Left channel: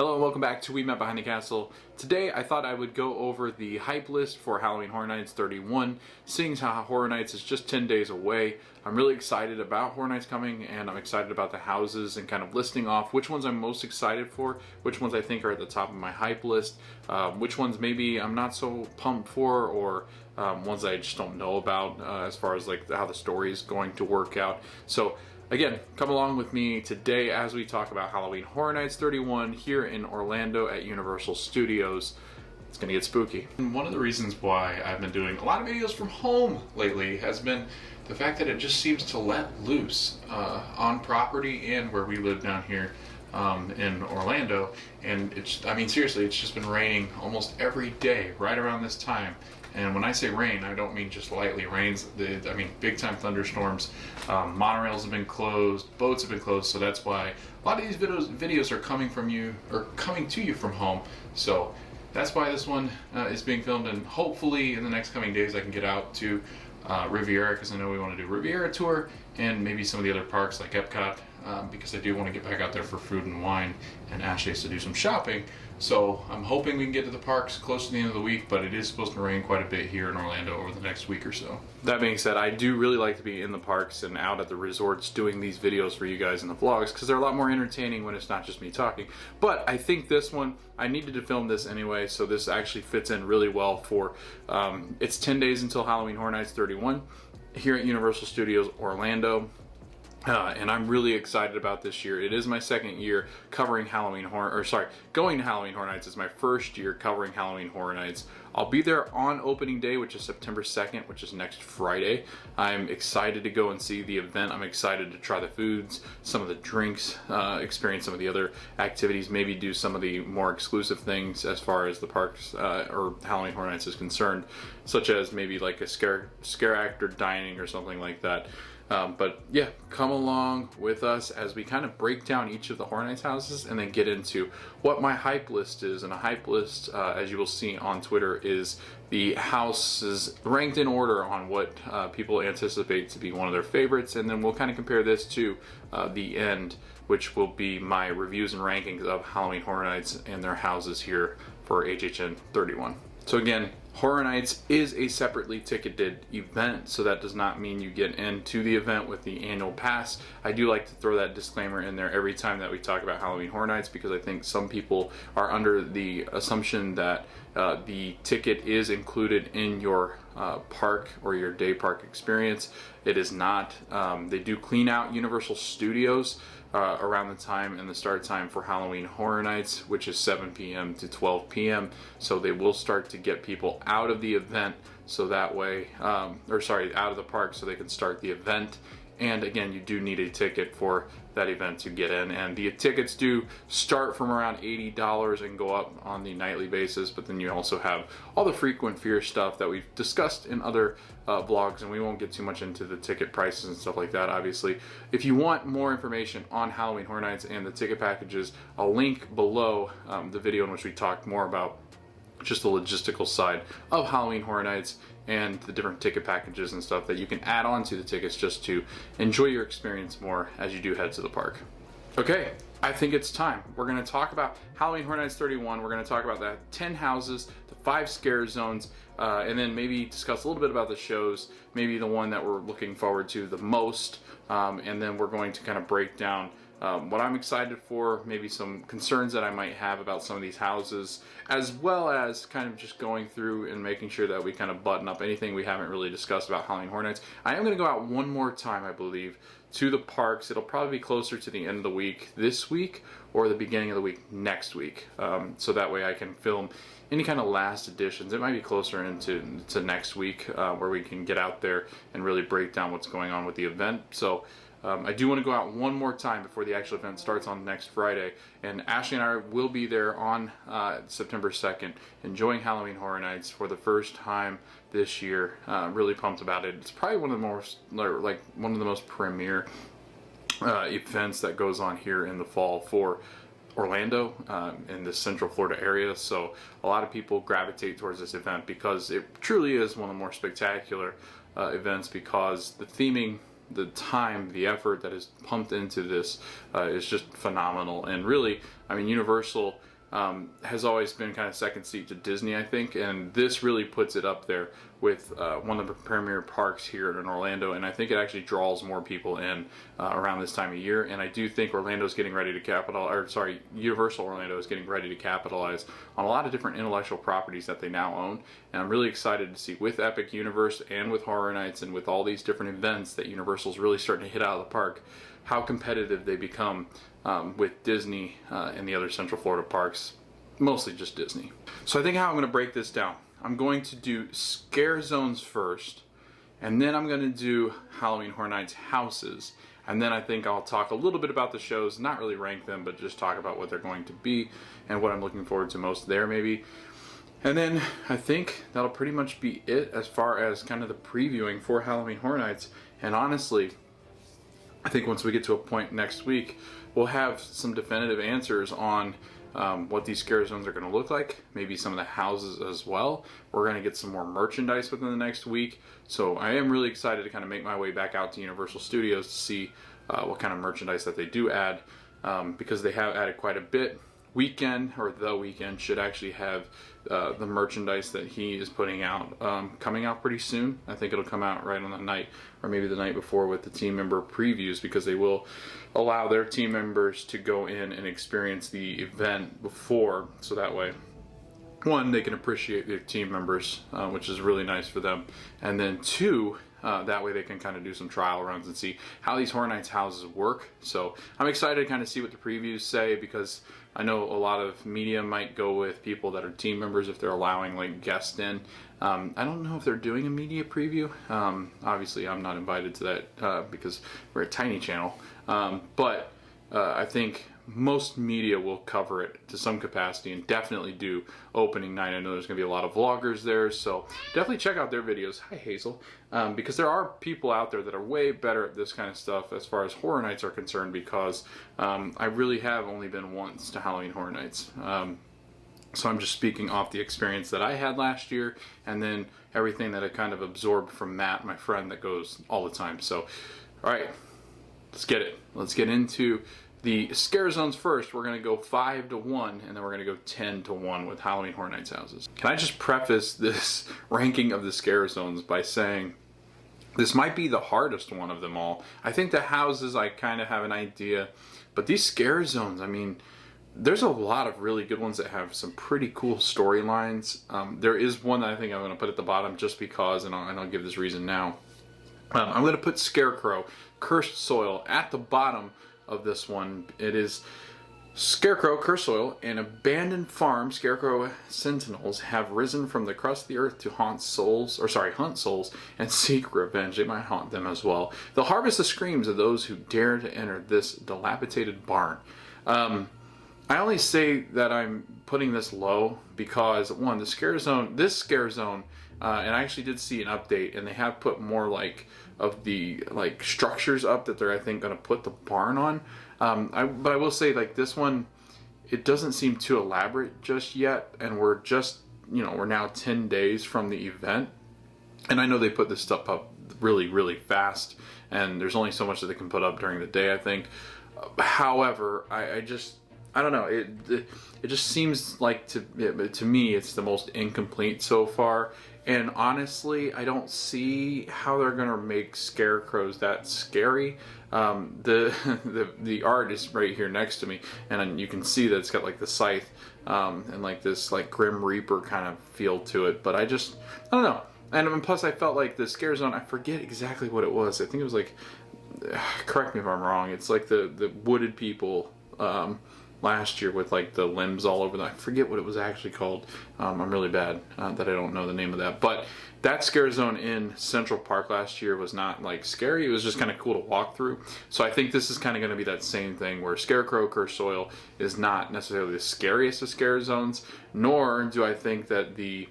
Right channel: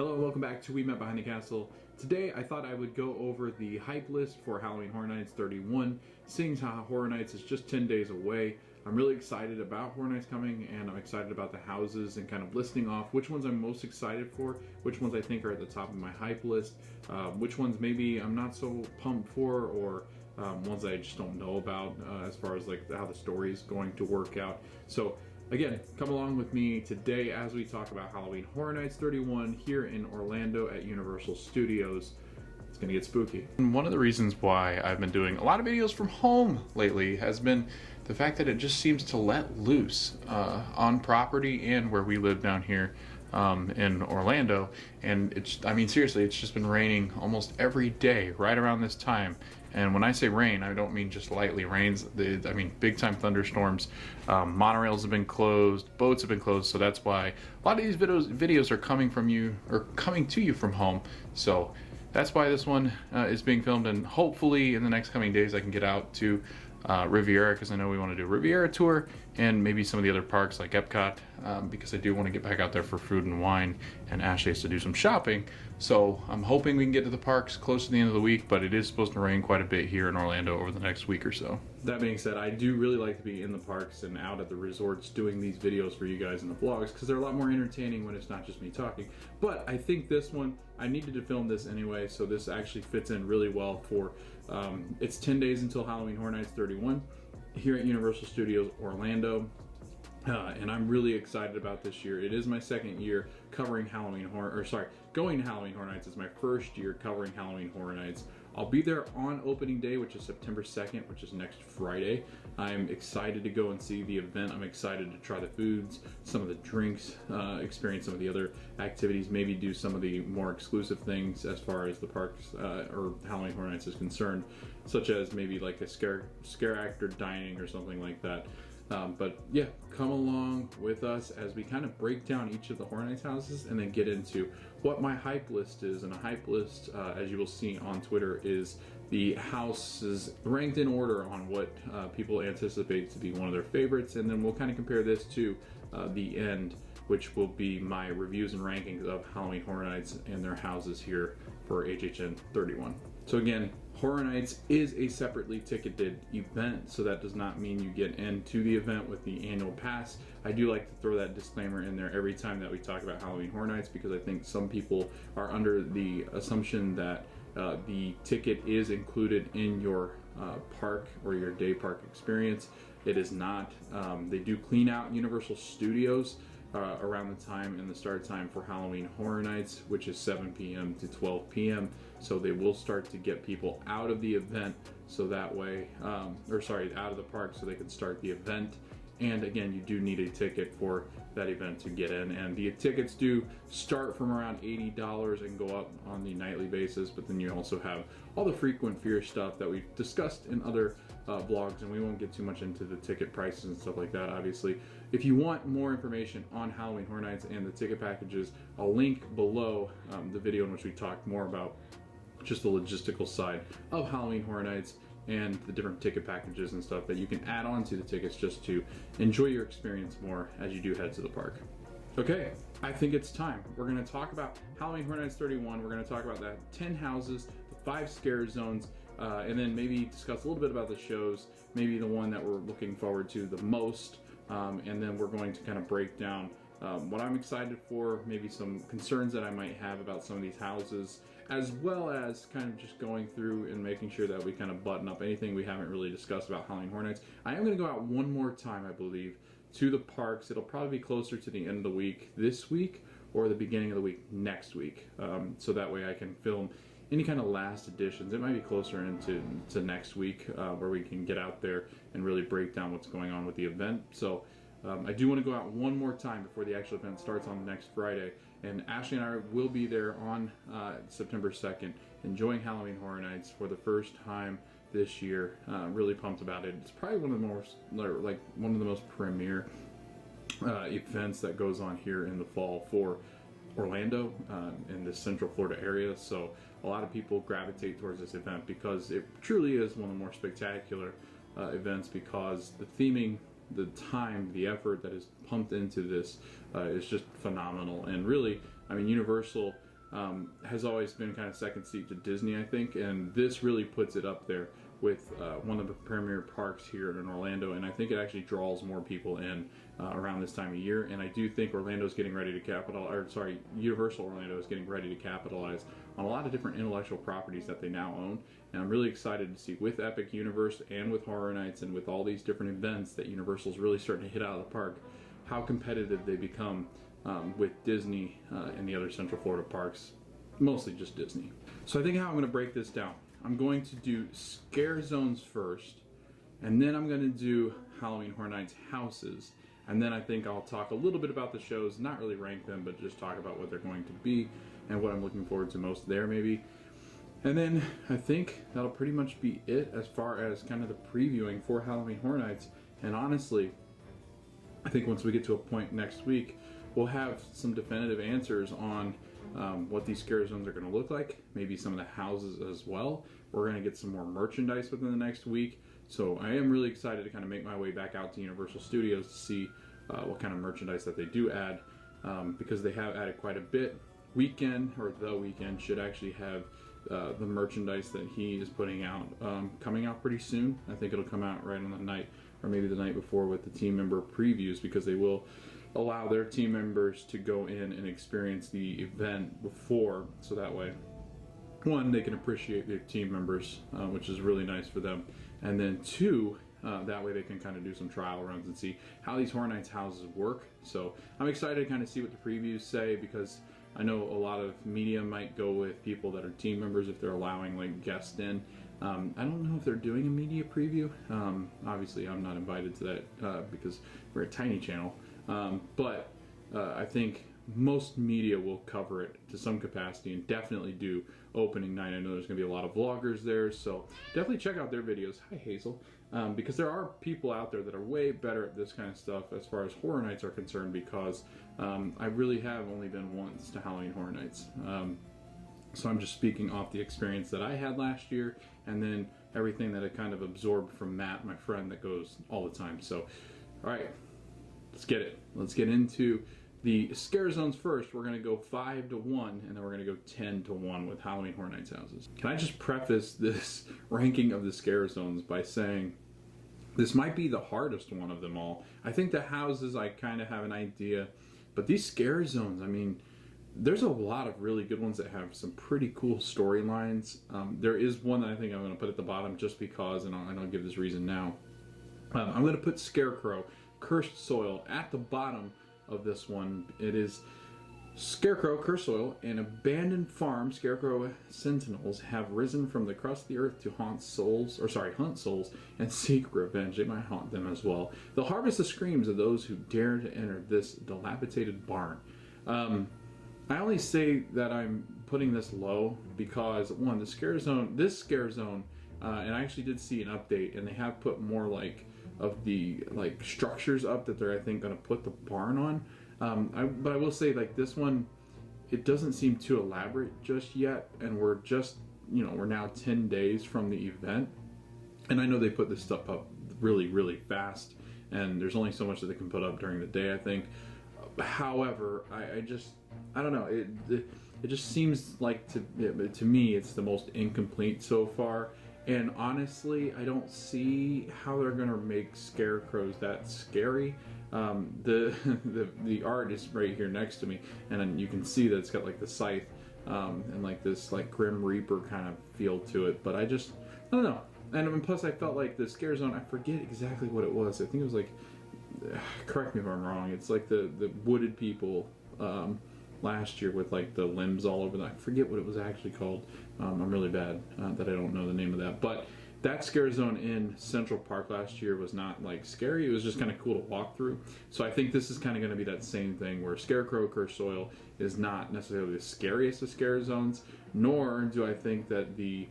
Hello and welcome back to We Met Behind the Castle. Today I thought I would go over the hype list for Halloween Horror Nights 31, seeing how Horror Nights is just 10 days away. I'm really excited about Horror Nights coming, and I'm excited about the houses and kind of listing off which ones I'm most excited for, which ones I think are at the top of my hype list, which ones maybe I'm not so pumped for, or ones I just don't know about as far as like how the story is going to work out. So again, come along with me today as we talk about Halloween Horror Nights 31 here in Orlando at Universal Studios. It's gonna get spooky. And one of the reasons why I've been doing a lot of videos from home lately has been the fact that it just seems to let loose on property and where we live down here in Orlando. And seriously, it's just been raining almost every day right around this time. And when I say rain, I don't mean just lightly. I mean big time thunderstorms. Monorails have been closed, boats have been closed, so that's why a lot of these videos are coming to you from home. So that's why this one is being filmed, and hopefully in the next coming days I can get out to Riviera, because I know we want to do a Riviera tour and maybe some of the other parks like Epcot, because I do want to get back out there for food and wine, and Ashley has to do some shopping. So I'm hoping we can get to the parks close to the end of the week, but it is supposed to rain quite a bit here in Orlando over the next week or so. That being said, I do really like to be in the parks and out at the resorts doing these videos for you guys in the vlogs, because they're a lot more entertaining when it's not just me talking. But I think this one, I needed to film this anyway, so this actually fits in really well for, it's 10 days until Halloween Horror Nights 31 here at Universal Studios Orlando. And I'm really excited about this year. It is my second year covering going to Halloween Horror Nights. It's my first year covering Halloween Horror Nights. I'll be there on opening day, which is September 2nd, which is next Friday. I'm excited to go and see the event. I'm excited to try the foods, some of the drinks, experience some of the other activities, maybe do some of the more exclusive things as far as the parks or Halloween Horror Nights is concerned, such as maybe like a scare actor dining or something like that. But yeah, come along with us as we kind of break down each of the Horror Nights houses and then get into what my hype list is. And a hype list, as you will see on Twitter, is the houses ranked in order on what people anticipate to be one of their favorites. And then we'll kind of compare this to the end, which will be my reviews and rankings of Halloween Horror Nights and their houses here for HHN 31. So again, Horror Nights is a separately ticketed event, so that does not mean you get into the event with the annual pass. I do like to throw that disclaimer in there every time that we talk about Halloween Horror Nights, because I think some people are under the assumption that the ticket is included in your park or your day park experience. It is not. They do clean out Universal Studios around the time and the start time for Halloween Horror Nights, which is 7 p.m. to 12 p.m. So they will start to get people out of the event, so that way, out of the park, so they can start the event. And again, you do need a ticket for that event to get in. And the tickets do start from around $80 and go up on the nightly basis. But then you also have all the frequent fear stuff that we've discussed in other vlogs, and we won't get too much into the ticket prices and stuff like that, obviously. If you want more information on Halloween Horror Nights and the ticket packages, I'll link below the video in which we talked more about just the logistical side of Halloween Horror Nights and the different ticket packages and stuff that you can add on to the tickets just to enjoy your experience more as you do head to the park. Okay, I think it's time. We're going to talk about Halloween Horror Nights 31. We're going to talk about the 10 houses, the 5 scare zones, and then maybe discuss a little bit about the shows, maybe the one that we're looking forward to the most, and then we're going to kind of break down what I'm excited for, maybe some concerns that I might have about some of these houses, as well as kind of just going through and making sure that we kind of button up anything we haven't really discussed about Halloween Horror Nights. I am going to go out one more time, I believe, to the parks. It'll probably be closer to the end of the week this week or the beginning of the week next week, so that way I can film any kind of last editions. It might be closer into next week where we can get out there and really break down what's going on with the event. So I do want to go out one more time before the actual event starts on next Friday, and Ashley and I will be there on September 2nd enjoying Halloween Horror Nights for the first time this year. Really pumped about it. It's probably one of the most premier events that goes on here in the fall for Orlando in the Central Florida area. So a lot of people gravitate towards this event because it truly is one of the more spectacular events, because the theming, the time, the effort that is pumped into this is just phenomenal. And really, I mean, Universal has always been kind of second seat to Disney, I think, and this really puts it up there with one of the premier parks here in Orlando, and I think it actually draws more people in around this time of year. And I do think Orlando's getting ready to Universal Orlando is getting ready to capitalize on a lot of different intellectual properties that they now own, and I'm really excited to see with Epic Universe and with Horror Nights and with all these different events that Universal's really starting to hit out of the park, how competitive they become with Disney and the other Central Florida parks, mostly just Disney. So I think how I'm going to break this down, I'm going to do scare zones first, and then I'm going to do Halloween Horror Nights houses, and then I think I'll talk a little bit about the shows, not really rank them, but just talk about what they're going to be and what I'm looking forward to most there maybe. And then I think that'll pretty much be it as far as kind of the previewing for Halloween Horror Nights. And honestly, I think once we get to a point next week, we'll have some definitive answers on what these scare zones are going to look like, maybe some of the houses as well. We're going to get some more merchandise within the next week, so I am really excited to kind of make my way back out to Universal Studios to see what kind of merchandise that they do add, because they have added quite a bit. The Weeknd should actually have the merchandise that he is putting out coming out pretty soon. I think it'll come out right on the night, or maybe the night before, with the team member previews, because they will allow their team members to go in and experience the event before, so that way, one, they can appreciate their team members, which is really nice for them, and then two, that way they can kind of do some trial runs and see how these Horror Nights houses work. So I'm excited to kind of see what the previews say, because I know a lot of media might go with people that are team members if they're allowing like guests in. I don't know if they're doing a media preview. Obviously I'm not invited to that because we're a tiny channel. But I think most media will cover it to some capacity and definitely do opening night. I know there's going to be a lot of vloggers there, so definitely check out their videos. Hi, Hazel. Because there are people out there that are way better at this kind of stuff as far as Horror Nights are concerned, because I really have only been once to Halloween Horror Nights. So I'm just speaking off the experience that I had last year, and then everything that I kind of absorbed from Matt, my friend that goes all the time. So, all right, let's get it. Let's get into the scare zones first. We're going to go 5 to 1, and then we're going to go 10 to 1 with Halloween Horror Nights houses. Can I just preface this ranking of the scare zones by saying this might be the hardest one of them all. I think the houses I kind of have an idea, but these scare zones, I mean, there's a lot of really good ones that have some pretty cool storylines. There is one that I think I'm going to put at the bottom just because, and I'll give this reason now. I'm going to put Scarecrow, Cursed Soil at the bottom of this one. It is Scarecrow, Cursed Soil, an abandoned farm. Scarecrow sentinels have risen from the crust of the earth to hunt souls, and seek revenge. They might haunt them as well. They'll harvest the screams of those who dare to enter this dilapidated barn. I only say that I'm putting this low because, one, this scare zone, and I actually did see an update, and they have put more of the structures up that they're, I think, going to put the barn on. But I will say, this one, it doesn't seem too elaborate just yet, and we're now 10 days from the event, and I know they put this stuff up really, really fast, and there's only so much that they can put up during the day, I think. However, I don't know. It just seems like to me it's the most incomplete so far. And honestly, I don't see how they're gonna make scarecrows that scary. The art is right here next to me, and you can see that it's got the scythe and this Grim Reaper kind of feel to it. But I don't know. And plus, I felt like the scare zone. I forget exactly what it was. I think it was correct me if I'm wrong. It's the wooded people. Last year with the limbs all over them. I forget what it was actually called. I'm really bad that I don't know the name of that. But that scare zone in Central Park last year was not scary. It was just kind of cool to walk through. So I think this is kind of going to be that same thing where Scarecrow, Cursed Soil is not necessarily the scariest of scare zones, nor do I think that the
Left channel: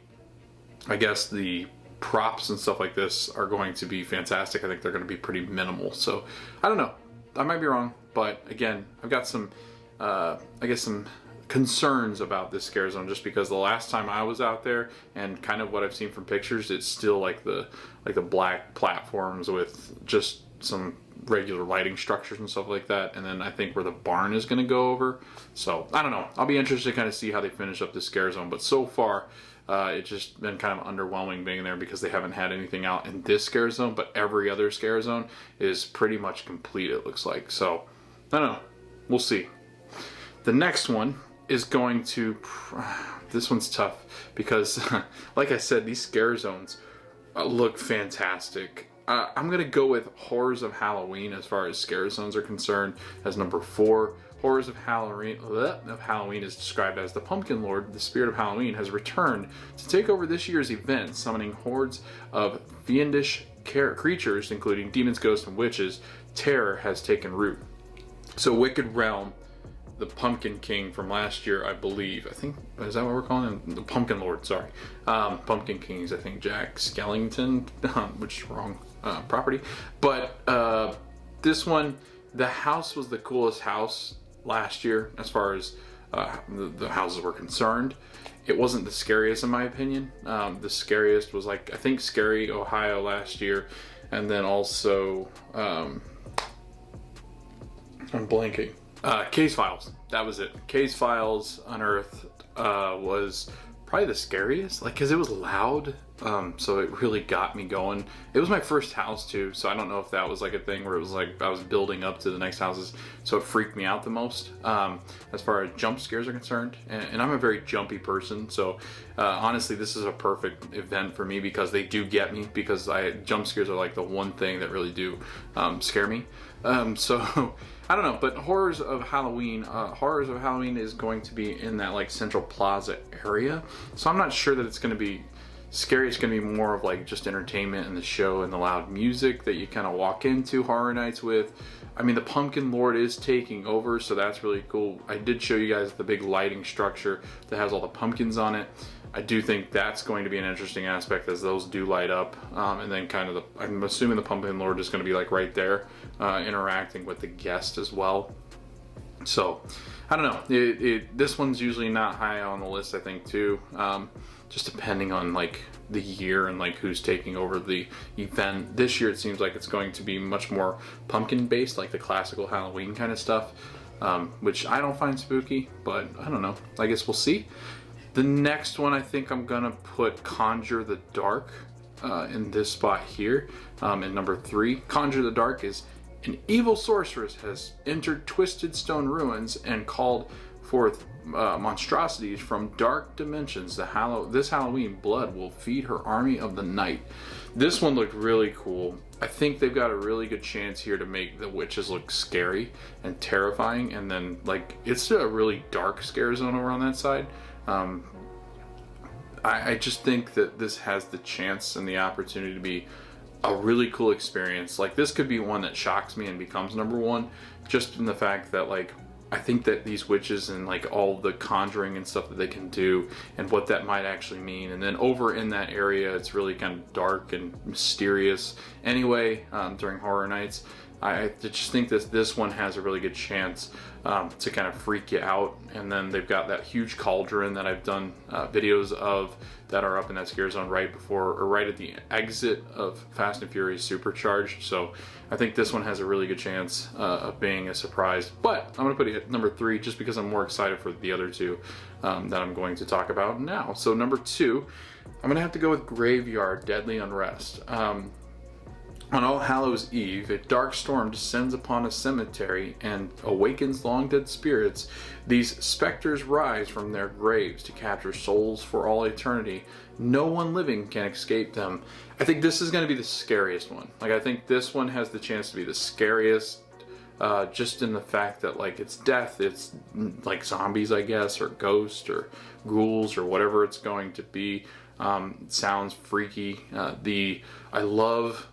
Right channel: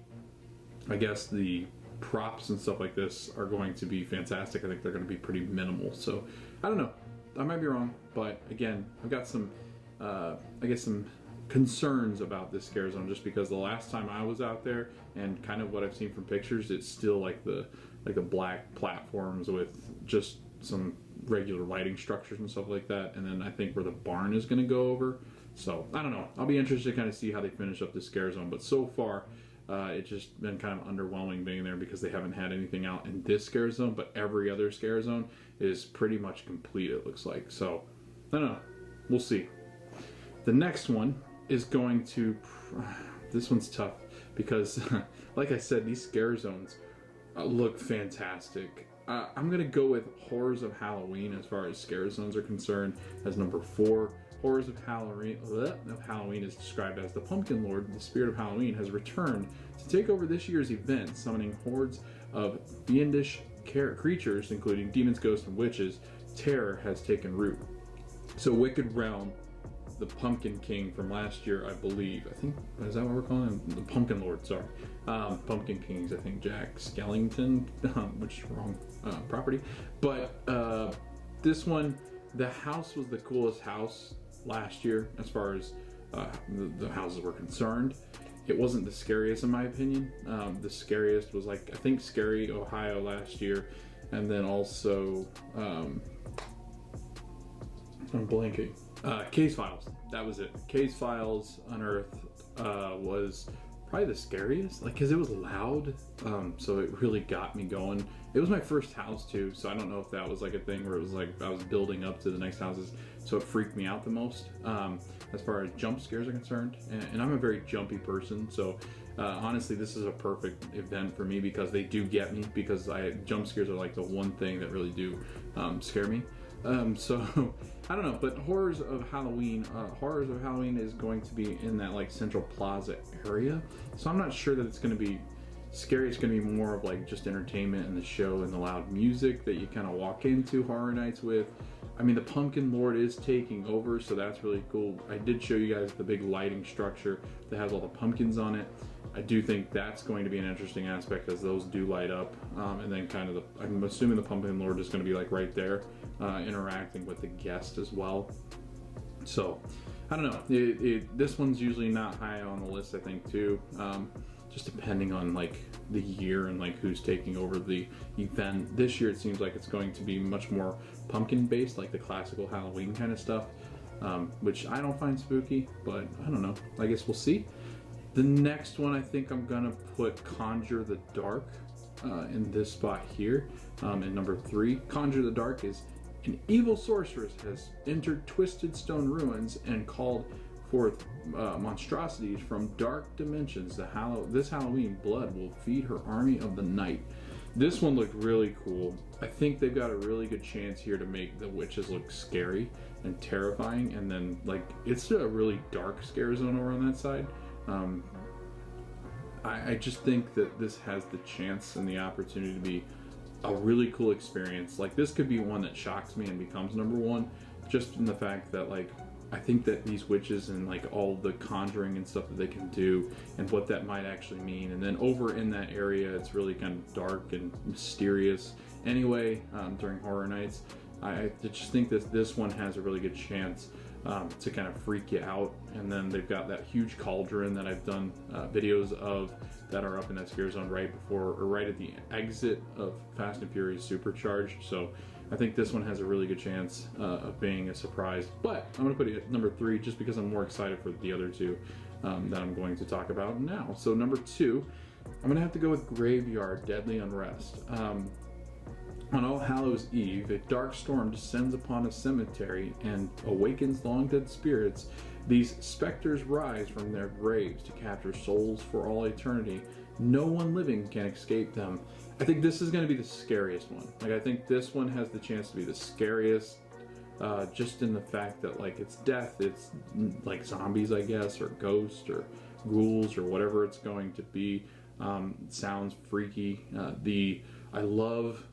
props and stuff like this are going to be fantastic. I think they're going to be pretty minimal. So I don't know. I might be wrong, but again, I've got some some concerns about this scare zone, just because the last time I was out there and kind of what I've seen from pictures, it's still the black platforms with just some regular lighting structures and stuff like that, and then I think where the barn is going to go over. So I don't know. I'll be interested to kind of see how they finish up this scare zone. But so far, it's just been kind of underwhelming being there because they haven't had anything out in this scare zone, but every other scare zone is pretty much complete, it looks like. So I don't know. We'll see. The next one is going to... This one's tough because, like I said, these scare zones look fantastic. I'm going to go with Horrors of Halloween as far as scare zones are concerned as number 4. Horrors of Halloween is described as the Pumpkin Lord, the spirit of Halloween, has returned to take over this year's event, summoning hordes of fiendish creatures, including demons, ghosts, and witches. Terror has taken root. So Wicked Realm, the Pumpkin King from last year, I believe. I think, is that what we're calling him? The Pumpkin Lord, sorry. Pumpkin Kings, I think Jack Skellington, which is wrong property. But this one, the house was the coolest house last year as far as the houses were concerned. It wasn't the scariest in my opinion. The scariest was like, I think Scary Ohio last year, and then also I'm blanking. Case Files, that was it. Case Files Unearthed was probably the scariest, like, because it was loud, so it really got me going. It was my first house too, so I don't know if that was like a thing where it was like I was building up to the next houses, so it freaked me out the most as far as jump scares are concerned. And I'm a very jumpy person, so honestly this is a perfect event for me because they do get me, because jump scares are like the one thing that really do scare me. So I don't know, but Horrors of Halloween is going to be in that like Central Plaza area. So I'm not sure that it's going to be scary. It's going to be more of like just entertainment and the show and the loud music that you kind of walk into Horror Nights with. I mean, the Pumpkin Lord is taking over, so that's really cool. I did show you guys the big lighting structure that has all the pumpkins on it. I do think that's going to be an interesting aspect as those do light up. And then kind of I'm assuming the Pumpkin Lord is going to be like right there interacting with the guest as well. So I don't know. This one's usually not high on the list, I think, too. Just depending on like the year and like who's taking over the event. This year it seems like it's going to be much more pumpkin based, like the classical Halloween kind of stuff, which I don't find spooky, but I don't know. I guess we'll see. The next one, I think I'm gonna put Conjure the Dark in this spot here, in number 3. Conjure the Dark is an evil sorceress has entered Twisted Stone ruins and called forth monstrosities from dark dimensions. This Halloween, blood will feed her army of the night. This one looked really cool. I think they've got a really good chance here to make the witches look scary and terrifying, and then like it's a really dark scare zone over on that side. I just think that this has the chance and the opportunity to be a really cool experience. Like this could be one that shocks me and becomes number 1, just in the fact that like I think that these witches and like all the conjuring and stuff that they can do and what that might actually mean. And then over in that area, it's really kind of dark and mysterious anyway during Horror Nights. I just think that this one has a really good chance to kind of freak you out. And then they've got that huge cauldron that I've done videos of that are up in that scare zone right before or right at the exit of Fast and Furious Supercharged. So I think this one has a really good chance of being a surprise. But I'm going to put it at number 3 just because I'm more excited for the other 2 that I'm going to talk about now. So number 2, I'm going to have to go with Graveyard Deadly Unrest. On All Hallows Eve, a dark storm descends upon a cemetery and awakens long-dead spirits. These specters rise from their graves to capture souls for all eternity. No one living can escape them. I think this is going to be the scariest one. Like, I think this one has the chance to be the scariest, just in the fact that, like, it's death. It's like zombies, I guess, or ghosts, or ghouls, or whatever it's going to be. Sounds freaky. I love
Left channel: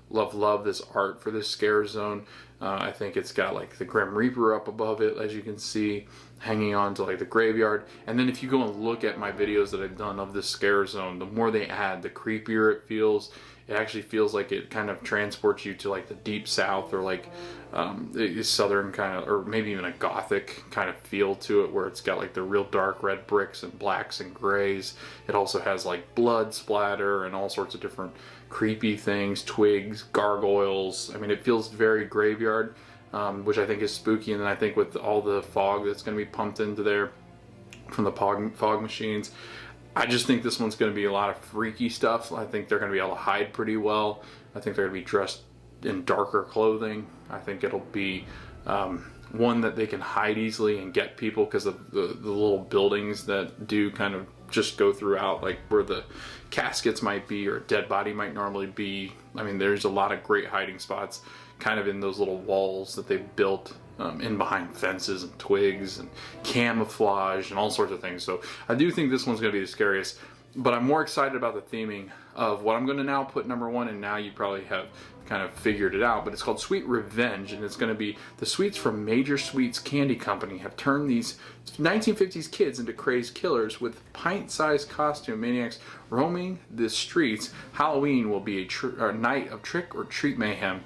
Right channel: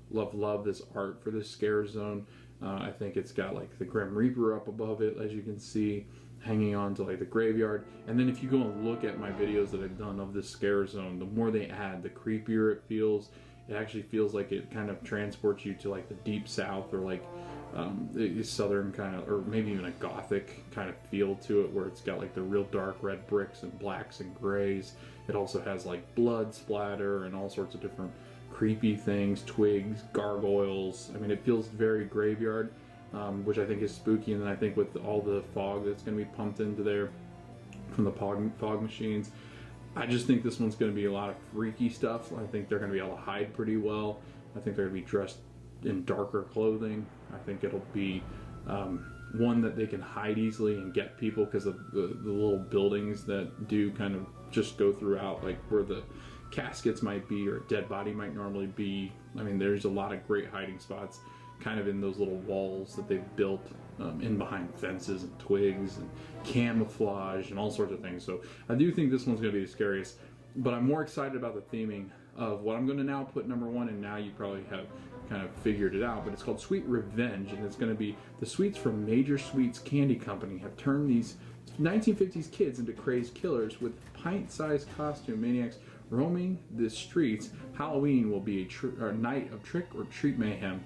this art for this scare zone. I think it's got like the Grim Reaper up above it, as you can see, hanging on to like the graveyard. And then if you go and look at my videos that I've done of this scare zone, the more they add, the creepier it feels. It actually feels like it kind of transports you to like the deep south, or like southern kind of, or maybe even a gothic kind of feel to it, where it's got like the real dark red bricks and blacks and grays. It also has like blood splatter and all sorts of different creepy things, twigs, gargoyles. I mean, it feels very graveyard, which I think is spooky. And then I think with all the fog that's going to be pumped into there from the fog machines, I just think this one's going to be a lot of freaky stuff. I think they're going to be able to hide pretty well. I think they're going to be dressed in darker clothing. I think it'll be one that they can hide easily and get people because of the little buildings that do kind of just go throughout, like where the caskets might be or a dead body might normally be. I mean, there's a lot of great hiding spots kind of in those little walls that they've built in behind fences and twigs and camouflage and all sorts of things. So I do think this one's going to be the scariest, but I'm more excited about the theming of what I'm going to now put number one, and now you probably have kind of figured it out, but it's called Sweet Revenge, and it's going to be the sweets from Major Sweets Candy Company have turned these 1950s kids into crazed killers with pint-sized costume maniacs roaming the streets. Halloween will be a night of trick-or-treat mayhem.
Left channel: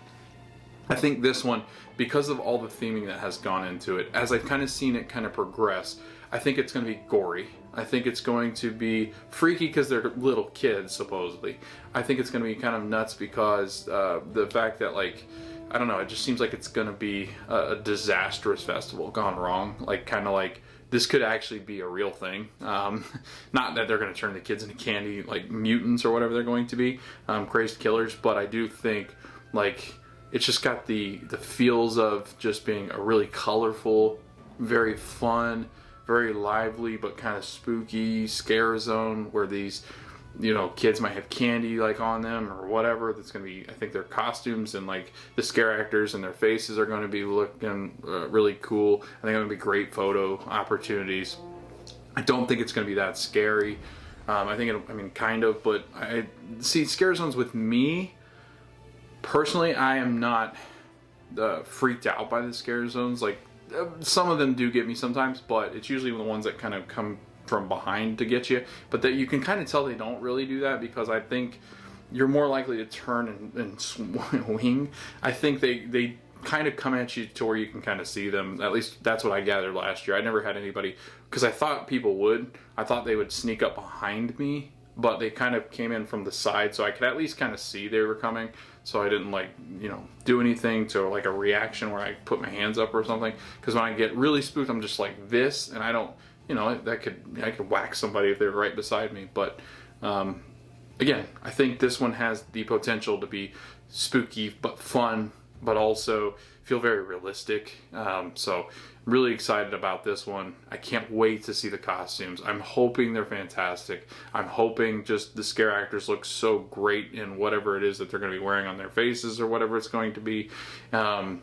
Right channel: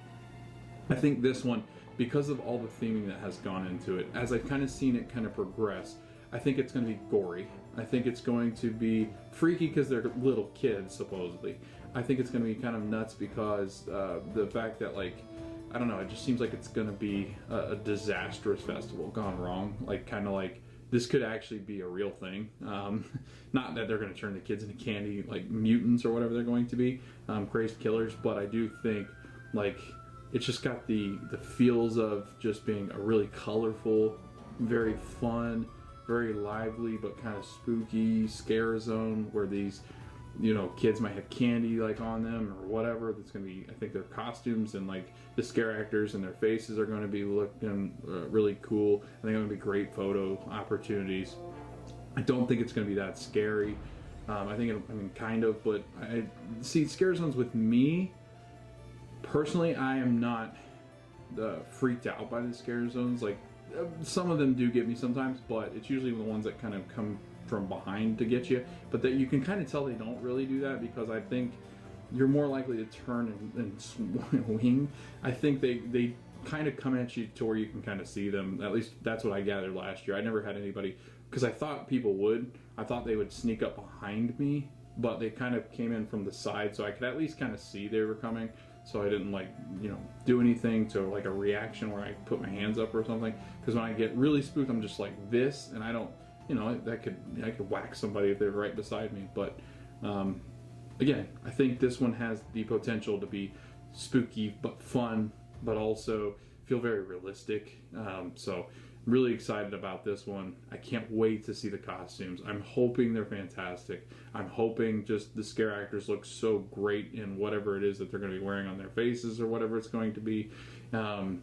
I think this one, because of all the theming that has gone into it, as I've kind of seen it kind of progress, I think it's going to be gory. I think it's going to be freaky because they're little kids, supposedly. I think it's going to be kind of nuts because the fact that, like, I don't know, it just seems like it's going to be a disastrous festival gone wrong. Like, kind of like, this could actually be a real thing. Not that they're going to turn the kids into candy, like mutants or whatever they're going to be, crazed killers, but I do think, like, it's just got the feels of just being a really colorful, very fun, very lively, but kind of spooky scare zone where these, you know, kids might have candy like on them or whatever. That's going to be, I think their costumes and like the scare actors and their faces are going to be looking really cool. I think it's going to be great photo opportunities. I don't think it's going to be that scary. I think I mean, kind of, but I see scare zones with me. Personally, I am not freaked out by the scare zones. Like, some of them do get me sometimes, but it's usually the ones that kind of come from behind to get you. But that you can kind of tell they don't really do that, because I think you're more likely to turn and swing. I think they kind of come at you to where you can kind of see them. At least that's what I gathered last year. I never had anybody, because I thought people would. I thought they would sneak up behind me, but they kind of came in from the side, so I could at least kind of see they were coming. So I didn't, like, you know, do anything to like a reaction where I put my hands up or something. Because when I get really spooked, I'm just like this, and I don't, you know, I could whack somebody if they were right beside me. But again, I think this one has the potential to be spooky but fun, but also feel very realistic. So really excited about this one. I can't wait to see the costumes. I'm hoping they're fantastic. I'm hoping just the scare actors look so great in whatever it is that they're going to be wearing on their faces or whatever it's going to be. I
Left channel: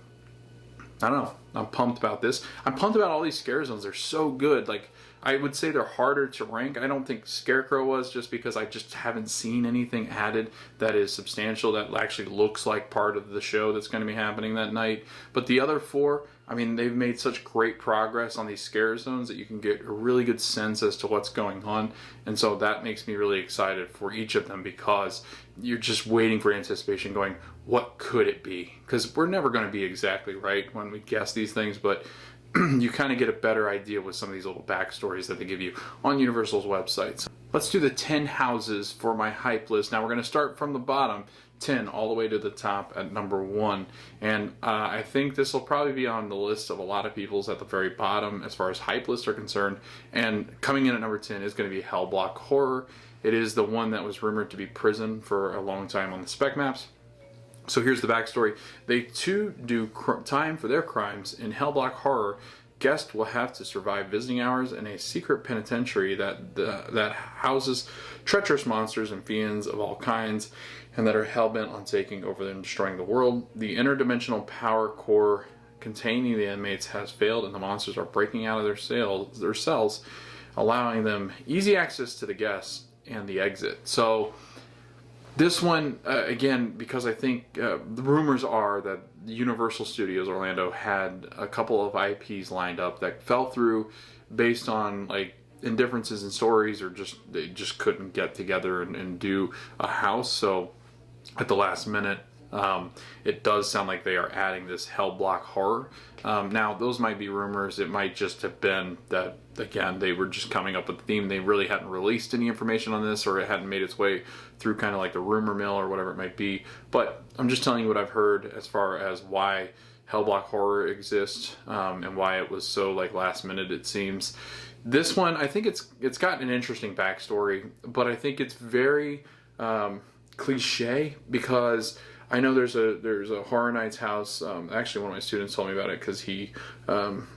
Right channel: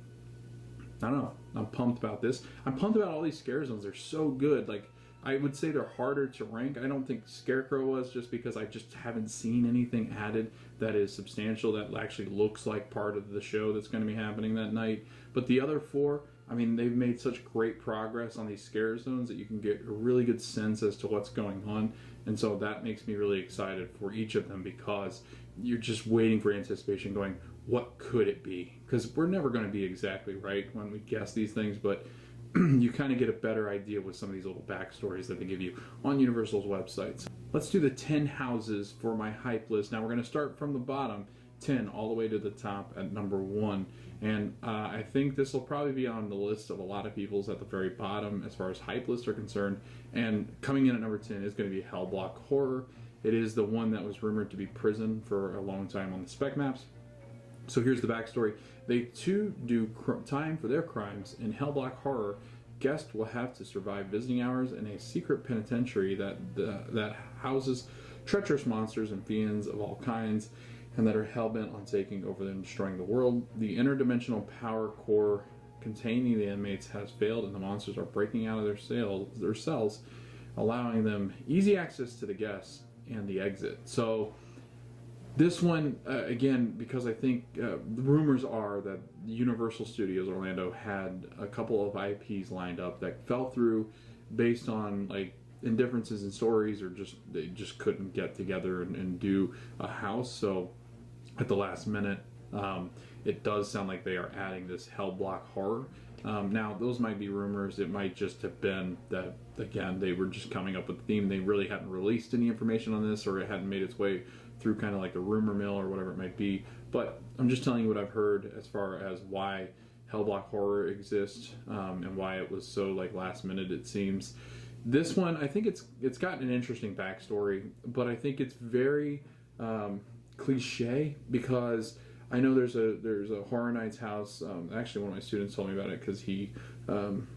don't know. I'm pumped about this. I'm pumped about all these scare zones. They're so good. Like, I would say they're harder to rank. I don't think Scarecrow was, just because I just haven't seen anything added that is substantial, that actually looks like part of the show that's going to be happening that night. But the other four, I mean, they've made such great progress on these scare zones that you can get a really good sense as to what's going on. And so that makes me really excited for each of them, because you're just waiting for anticipation, going, what could it be? Because we're never going to be exactly right when we guess these things, but you kind of get a better idea with some of these little backstories that they give you on Universal's websites. Let's do the 10 houses for my hype list. Now we're going to start from the bottom, 10, all the way to the top at number 1. And I think this will probably be on the list of a lot of people's at the very bottom as far as hype lists are concerned. And coming in at number 10 is going to be HELLBLOCK Horror. It is the one that was rumored to be prison for a long time on the spec maps. So here's the backstory. They too do time for their crimes. In HELLBLOCK Horror, guests will have to survive visiting hours in a secret penitentiary that houses treacherous monsters and fiends of all kinds, and that are hell-bent on taking over and destroying the world. The interdimensional power core containing the inmates has failed, and the monsters are breaking out of their cells, allowing them easy access to the guests and the exit. So this one, again, because I think the rumors are that Universal Studios Orlando had a couple of IPs lined up that fell through based on, like, indifferences in stories, or just they just couldn't get together and do a house. So at the last minute, it does sound like they are adding this HELLBLOCK Horror. Now, those might be rumors. It might just have been that, again, they were just coming up with the theme. They really hadn't released any information on this, or it hadn't made its way through kind of like the rumor mill or whatever it might be. But I'm just telling you what I've heard as far as why HELLBLOCK horror exists, and why it was so like last minute, it seems. This one, I think it's got an interesting backstory, but I think it's very cliche, because I know there's a Horror Nights house. Actually, one of my students told me about it because he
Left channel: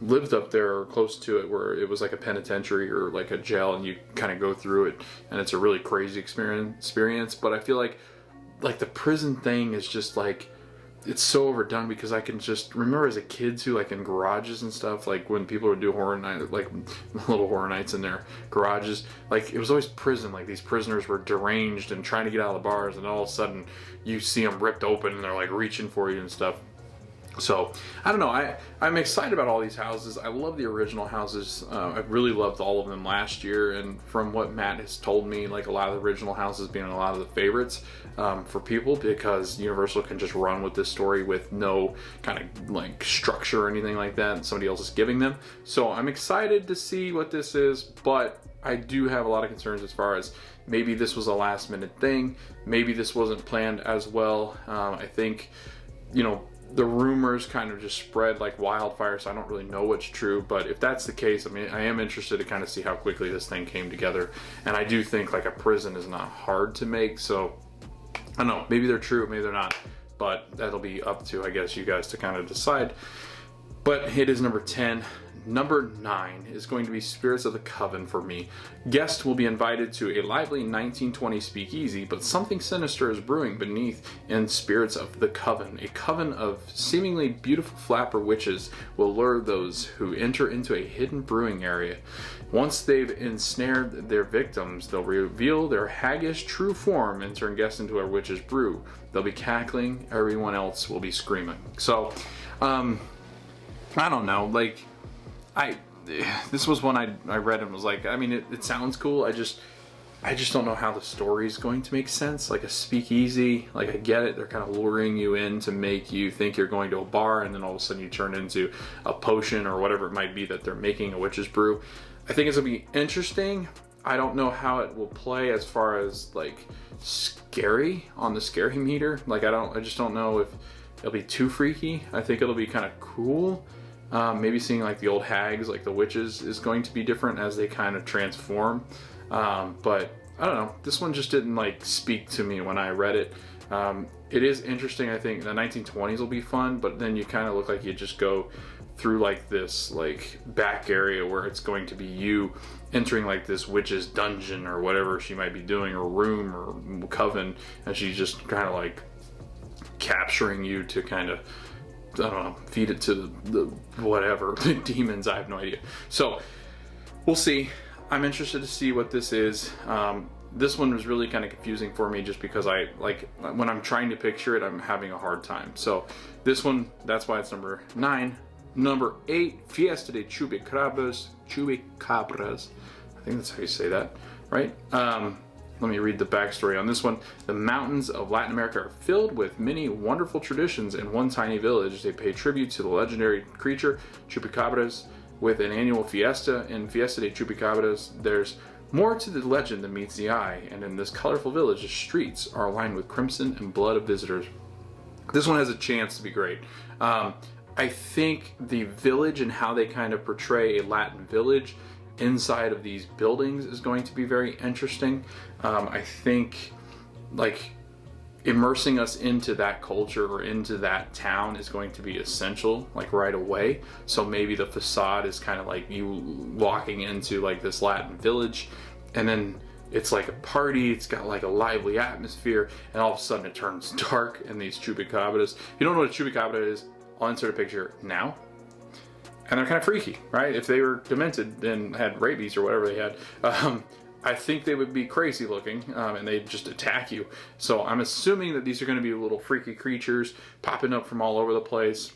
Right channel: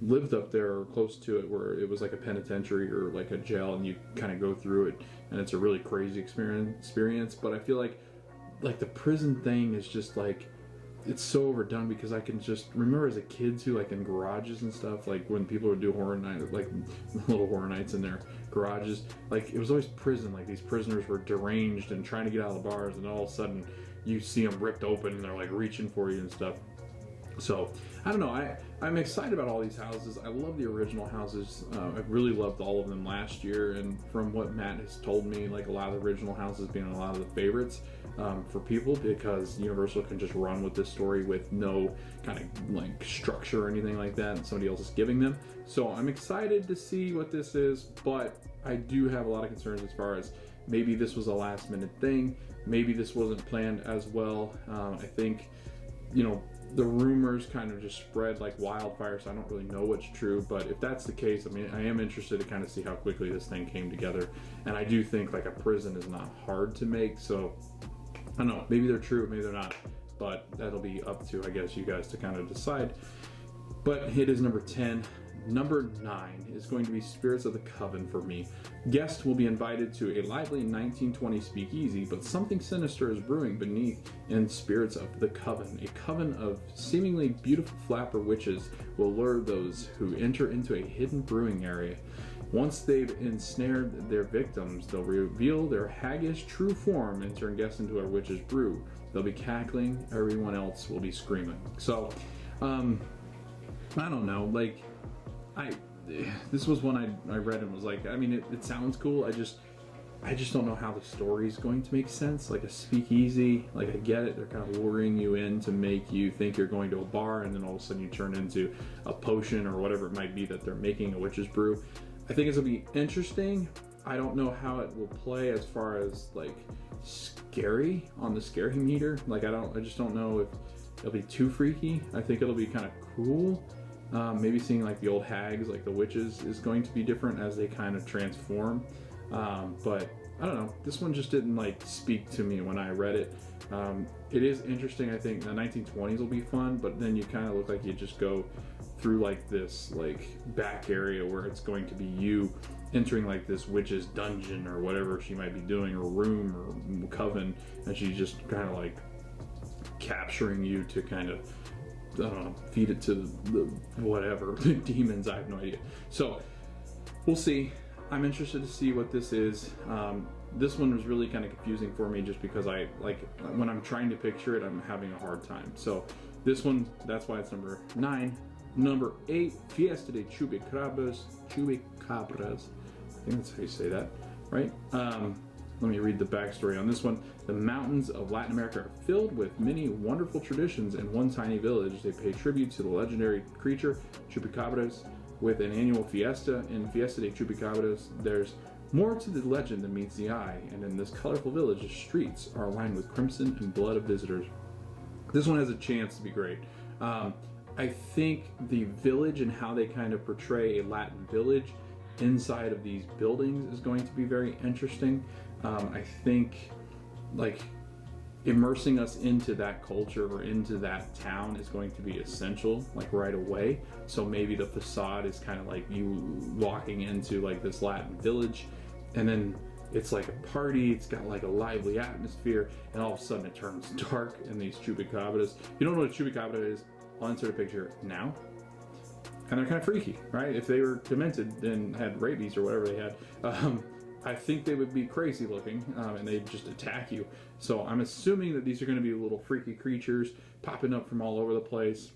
lived up there or close to it, where it was like a penitentiary or like a jail, and you kind of go through it, and it's a really crazy experience. But I feel like the prison thing is just like, it's so overdone, because I can just remember as a kid too, like in garages and stuff, like when people would do horror night, like little horror nights in their garages, like it was always prison. Like these prisoners were deranged and trying to get out of the bars, and all of a sudden you see them ripped open and they're like reaching for you and stuff. So I don't know, I'm excited about all these houses. I love the original houses. I really loved all of them last year, and from what Matt has told me, like a lot of the original houses being a lot of the favorites for people, because Universal can just run with this story with no kind of like structure or anything like that, and somebody else is giving them. So I'm excited to see what this is, but I do have a lot of concerns as far as maybe this was a last minute thing, maybe this wasn't planned as well. I think, you know, the rumors kind of just spread like wildfire, so I don't really know what's true. But if that's the case, I mean, I am interested to kind of see how quickly this thing came together. And I do think like a prison is not hard to make, so I don't know, maybe they're true, maybe they're not, but that'll be up to, I guess, you guys to kind of decide. But it is number 10. Number 9 is going to be Spirits of the Coven for me. Guests will be invited to a lively 1920s speakeasy, but something sinister is brewing beneath in Spirits of the Coven. A coven of seemingly beautiful flapper witches will lure those who enter into a hidden brewing area. Once they've ensnared their victims, they'll reveal their haggish true form and turn guests into a witch's brew. They'll be cackling, everyone else will be screaming. So, I don't know, like, this was one I read and was like, I mean, it sounds cool. I just don't know how the story's going to make sense. Like a speakeasy, like I get it. They're kind of luring you in to make you think you're going to a bar, and then all of a sudden you turn into a potion or whatever it might be that they're making a witch's brew. I think it's gonna be interesting. I don't know how it will play as far as like scary on the scary meter. Like I just don't know if it'll be too freaky. I think it'll be kind of cool. Maybe seeing like the old hags, like the witches, is going to be different as they kind of transform. But I don't know. This one just didn't like speak to me when I read it. It is interesting. I think the 1920s will be fun, but then you kind of look like you just go through like this like back area where it's going to be you entering like this witch's dungeon or whatever she might be doing, or room or coven, and she's just kind of like capturing you to kind of, I don't know, feed it to the whatever, the demons, I have no idea. So we'll see. I'm interested to see what this is. This one was really kind of confusing for me just because I, like, when I'm trying to picture it, I'm having a hard time. So this one, that's why it's number 9. Number 8, Fiesta de Chupacabras. I think that's how you say that, right? Let me read the backstory on this one. The mountains of Latin America are filled with many wonderful traditions. In one tiny village, they pay tribute to the legendary creature, Chupacabras, with an annual fiesta. In Fiesta de Chupacabras, there's more to the legend than meets the eye, and in this colorful village, the streets are lined with crimson and blood of visitors. This one has a chance to be great. I think the village and how they kind of portray a Latin village inside of these buildings is going to be very interesting. I think like immersing us into that culture or into that town is going to be essential, like right away. So maybe the facade is kind of like you walking into like this Latin village, and then it's like a party, it's got like a lively atmosphere, and all of a sudden it turns dark and these chupacabras. If you don't know what a chupacabra is, I'll insert a picture now. And they're kind of freaky, right? If they were demented and had rabies or whatever they had, I think they would be crazy looking, and they'd just attack you. So I'm assuming that these are going to be little freaky creatures popping up from all over the place.